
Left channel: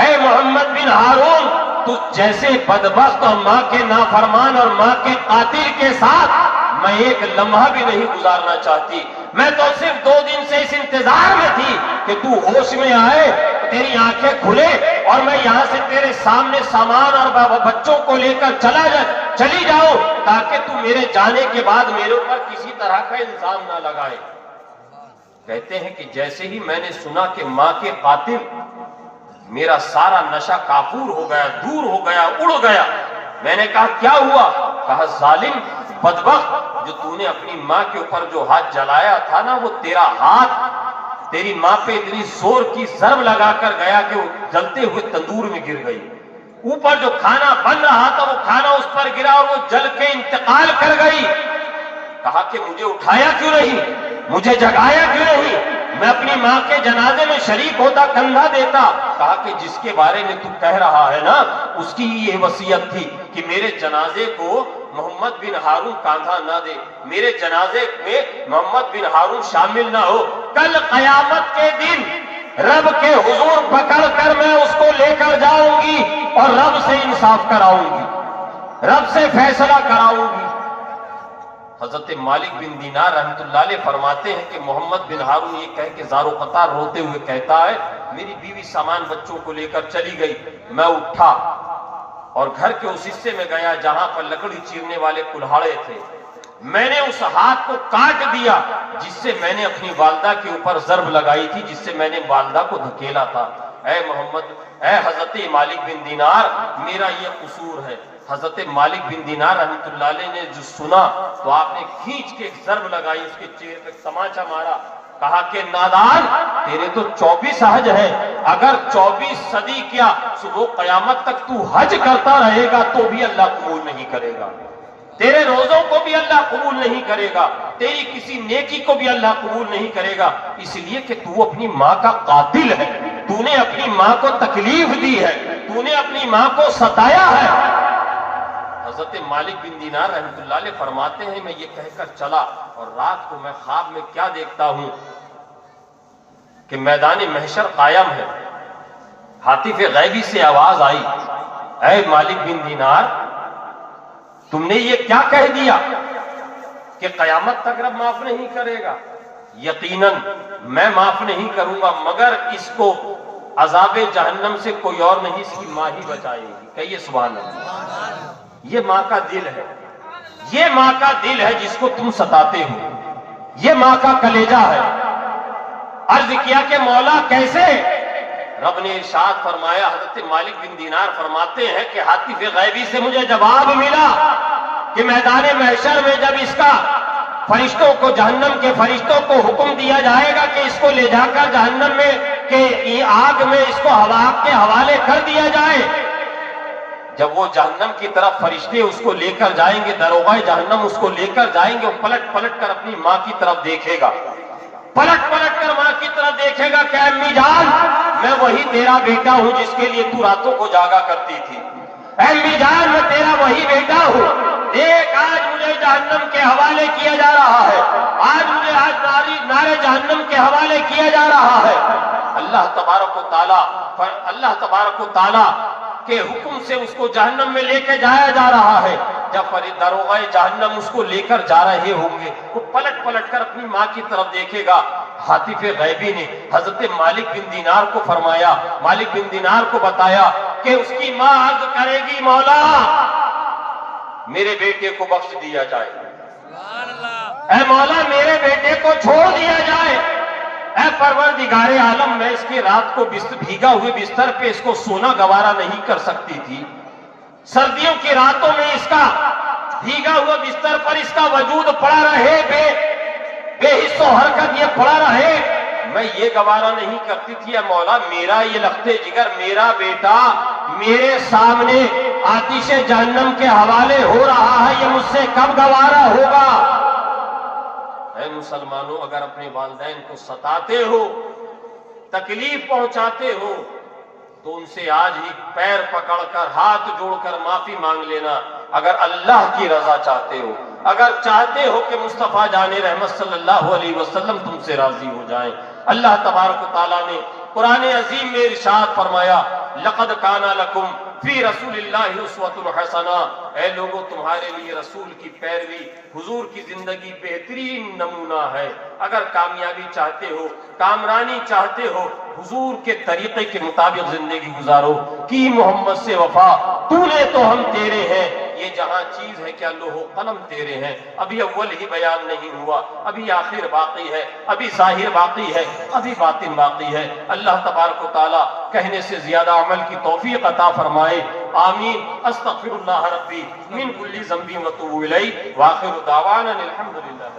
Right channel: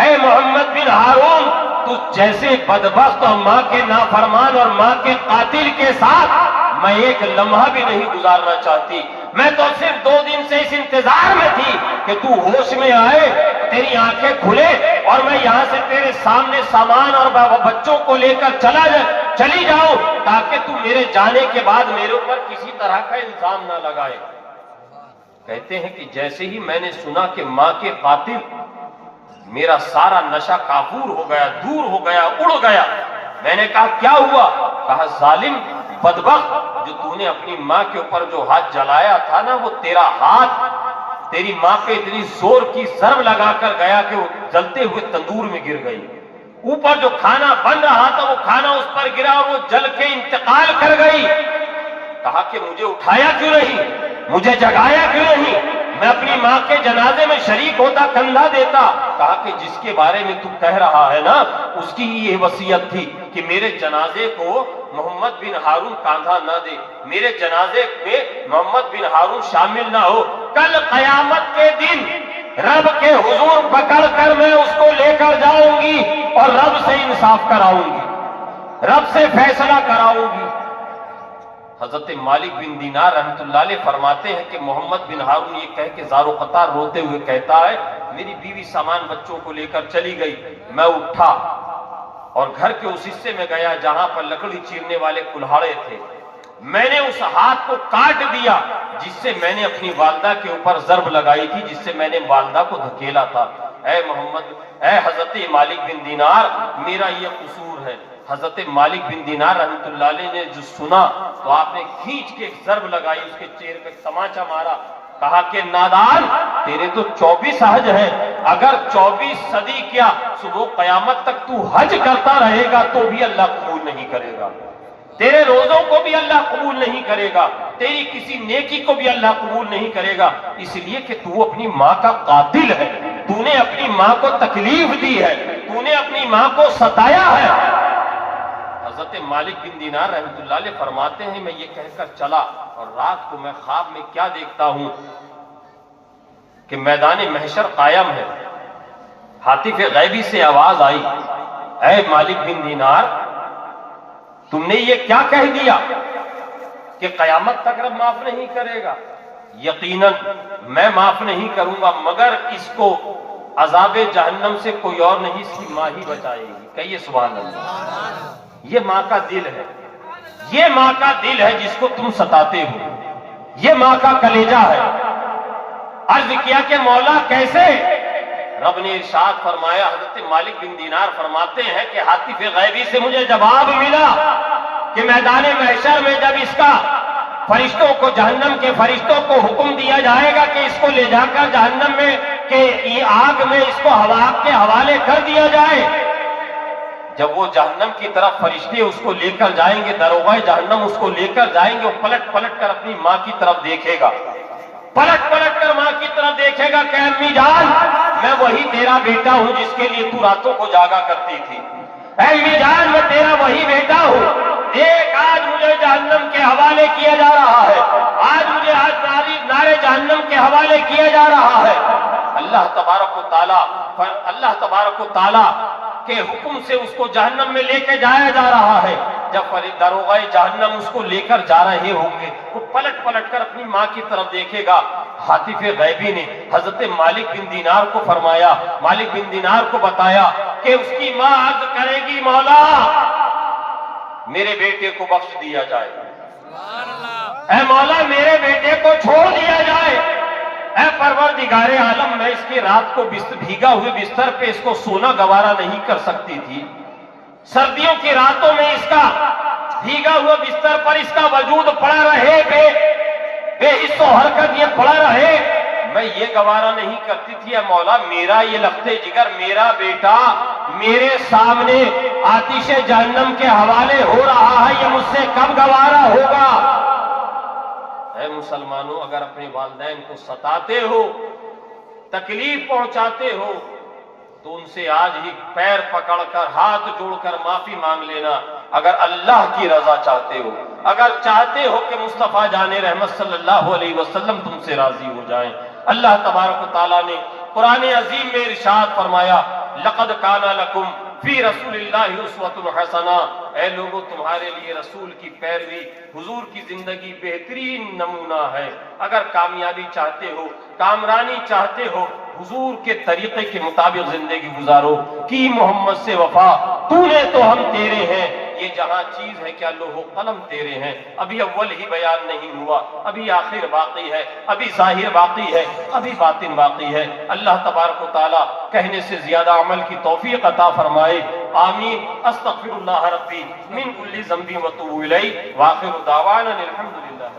اے محمد بن ہارون، تو جیسے بدبخت اور ماں کے نافرمان اور ماں کے قاتل کے ساتھ میں ایک لمحہ بھی نہیں گزارنا چاہتی۔ میں تو صرف 2 دن سے اس انتظار میں تھی کہ تو ہوش میں آئے، تیری آنکھیں کھلے اور میں یہاں سے تیرے سامنے سامان اور بچوں کو لے کر چلی جاؤ تاکہ تو میرے جانے کے بعد میرے اوپر کسی طرح کا الزام نہ لگائے۔ کہتے ہیں کہ جیسے ہی میں نے سنا کہ ماں کے قاتل، میرا سارا نشہ کافور ہو گیا، دور ہو گیا، اڑ گیا۔ میں نے کہا کیا ہوا؟ کہا ظالم، بدبخت، جو تو نے اپنی ماں کے اوپر جو ہاتھ جلایا تھا نا، وہ تیرا ہاتھ تیری ماں پہ اتنی زور کی ضرب لگا کر گیا کہ وہ جلتے ہوئے تندور میں گر گئی۔ اوپر جو کھانا بن رہا تھا وہ کھانا اس پر گرا اور وہ جل کے انتقال کر گئی۔ کہا کہ مجھے اٹھایا کیوں نہیں، مجھے جگایا کیوں نہیں، میں اپنی ماں کے جنازے میں شریک ہوتا، کندھا دیتا۔ کہا کہ جس کے بارے میں تو کہہ رہا ہے نا اس کی یہ وصیت تھی کہ میرے جنازے کو محمد بن ہارون کاندھا نہ دے، میرے جنازے میں محمد بن ہارون شامل نہ ہو۔ کل قیامت کے دن رب کے حضور پکڑ کر میں اس کو لے کر جاؤں گی اور رب سے انصاف کراؤں گی، رب سے فیصلہ کراؤں گی۔ حضرت مالک بن دینار رحمۃ اللہ علیہ فرماتے ہیں کہ محمد بن ہارون یہ کہہ کے زار و قطار روتے ہوئے کہتا ہے میری بیوی سامان بچوں کو لے کر چلی گئی، میں اٹھا اور گھر کے اس حصے میں گیا جہاں پر لکڑی چیرنے والے کلہاڑے تھے، میں نے اس ہاتھ کو کاٹ دیا جس سے میں نے اپنی والدہ کے اوپر ضرب لگائی تھی، جس سے میں نے والدہ کو دھکیلا تھا۔ اے حضرت مالک بن دینار، میرا یہ قصور ہے۔ حضرت مالک بن دینار رحمۃ اللہ علیہ نے جو سنا تو آپ نے کھینچ کے ایک ضرب لگائی، اس کے چہرے پہ تماچا مارا۔ کہا کہ نادان تیرے تو 24 حج ہے، اگر 24 صدی کیا صبح قیامت تک تو حج کرتا رہے گا تو بھی اللہ قبول نہیں کرے گا، تیرے روزوں کو بھی اللہ قبول نہیں کرے گا، تیری کسی نیکی کو بھی اللہ قبول نہیں کرے گا، اس لیے کہ تو اپنی ماں کا قاتل ہے، تو نے اپنی ماں کو تکلیف دی ہے، تو نے اپنی ماں کو ستایا ہے۔ حضرت مالک بن دینار رحمۃ اللہ علیہ فرماتے ہیں میں یہ کہہ کر چلا اور رات کو میں خواب میں کیا دیکھتا ہوں کہ میدان محشر قائم ہے، ہاتف غیبی سے آواز آئی، اے مالک بن دینار تم نے یہ کیا کہہ دیا کہ قیامت تک رب معاف نہیں کرے گا؟ یقیناً میں معاف نہیں کروں گا مگر اس کو عذاب جہنم سے کوئی اور نہیں، اس کی ماں ہی بچائے گی۔ کہیے سبحان اللہ۔ یہ ماں کا دل ہے، یہ ماں کا دل ہے جس کو تم ستاتے ہو، یہ ماں کا کلیجہ ہے۔ عرض کیا کہ مولا کیسے؟ رب نے ارشاد فرمایا، حضرت مالک بن دینار فرماتے ہیں کہ ہاتف غیبی سے مجھے جواب ملا کہ میدان محشر میں جب اس کا فرشتوں کو، جہنم کے فرشتوں کو حکم دیا جائے گا کہ اس کو لے جا کر جہنم میں کہ آگ میں اس کو ہوا کے حوالے کر دیا جائے، جب وہ جہنم کی طرف فرشتے اس کو لے کر جائیں گے، داروغہ جہنم اس کو لے کر جائیں گے، وہ پلٹ پلٹ کر اپنی ماں کی طرف دیکھے گا، پلٹ پلٹ کر ماں کی طرف دیکھے گا کہ امی جان میں وہی تیرا بیٹا ہوں جس کے لیے تو راتوں کو جاگا کرتی تھی، اے امی جان میں تیرا وہی بیٹا ہوں، دیکھ آج مجھے جہنم کے حوالے کیا جا رہا ہے، آج مجھے نارے جہنم کے حوالے کیا جا رہا ہے۔ اللہ تبارک و تعالی کے حکم سے اس کو جہنم میں لے کے جایا جا رہا ہے۔ جب داروغہ جہنم اس کو لے کر جا رہے ہوں گے، وہ پلٹ پلٹ کر اپنی ماں کی طرف دیکھے گا۔ ہاتف غیبی نے حضرت مالک بن دینار کو فرمایا، مالک بن دینار کو بتایا کہ اس کی ماں عرض کرے گی مولا میرے بیٹے کو بخش دیا جائے، اے مولا میرے بیٹے کو چھوڑ دیا جائے، اے پروردگار عالم میں اس کی رات کو بھیگا ہوئے بستر پہ اس کو سونا گوارا نہیں کر سکتی تھی، سردیوں کی راتوں میں اس کا بھیگا ہوا بستر پر اس کا وجود پڑا رہے، بے حس و حرکت یہ پڑا رہے، میں یہ گوارا نہیں کرتی تھی۔ اے مولا میرا یہ لختے جگر میرا بیٹا میرے سامنے آتش جہنم کے حوالے ہو رہا ہے، یہ مجھ سے کب گوارا ہوگا؟ اے مسلمانوں اگر اپنے والدین کو ستاتے ہو، تکلیف پہنچاتے ہو تو ان سے آج ہی پیر پکڑ کر ہاتھ جوڑ کر معافی مانگ لینا۔ اگر اللہ کی رضا چاہتے ہو، اگر چاہتے ہو کہ مصطفیٰ جان رحمت صلی اللہ علیہ وسلم تم سے راضی ہو جائیں، اللہ تبارک و تعالیٰ نے قرآن عظیم میں ارشاد فرمایا لقد کان لکم فی رسول اللہ اسوۃ حسنہ، اے لوگو تمہارے لیے رسول کی پیروی، حضور کی زندگی بہترین نمونہ ہے۔ اگر کامیابی چاہتے ہو، کامرانی چاہتے ہو، حضور کے طریقے کے مطابق زندگی گزارو، کی محمد سے وفا، تو نے تو ہم تیرے ہیں، یہ جہاں چیز ہے کہ لوح و قلم تیرے ہیں۔ ابھی اول ہی بیان نہیں ہوا، ابھی آخر باقی ہے، ابھی ظاہر باقی ہے، ابھی باطن باقی ہے۔ اللہ تبارک و تعالیٰ کہنے سے زیادہ عمل کی توفیق عطا فرمائے، آمین۔ استغفر اللہ ربی من کل ذنب واتوب الیہ، وآخر دعوانا الحمدللہ۔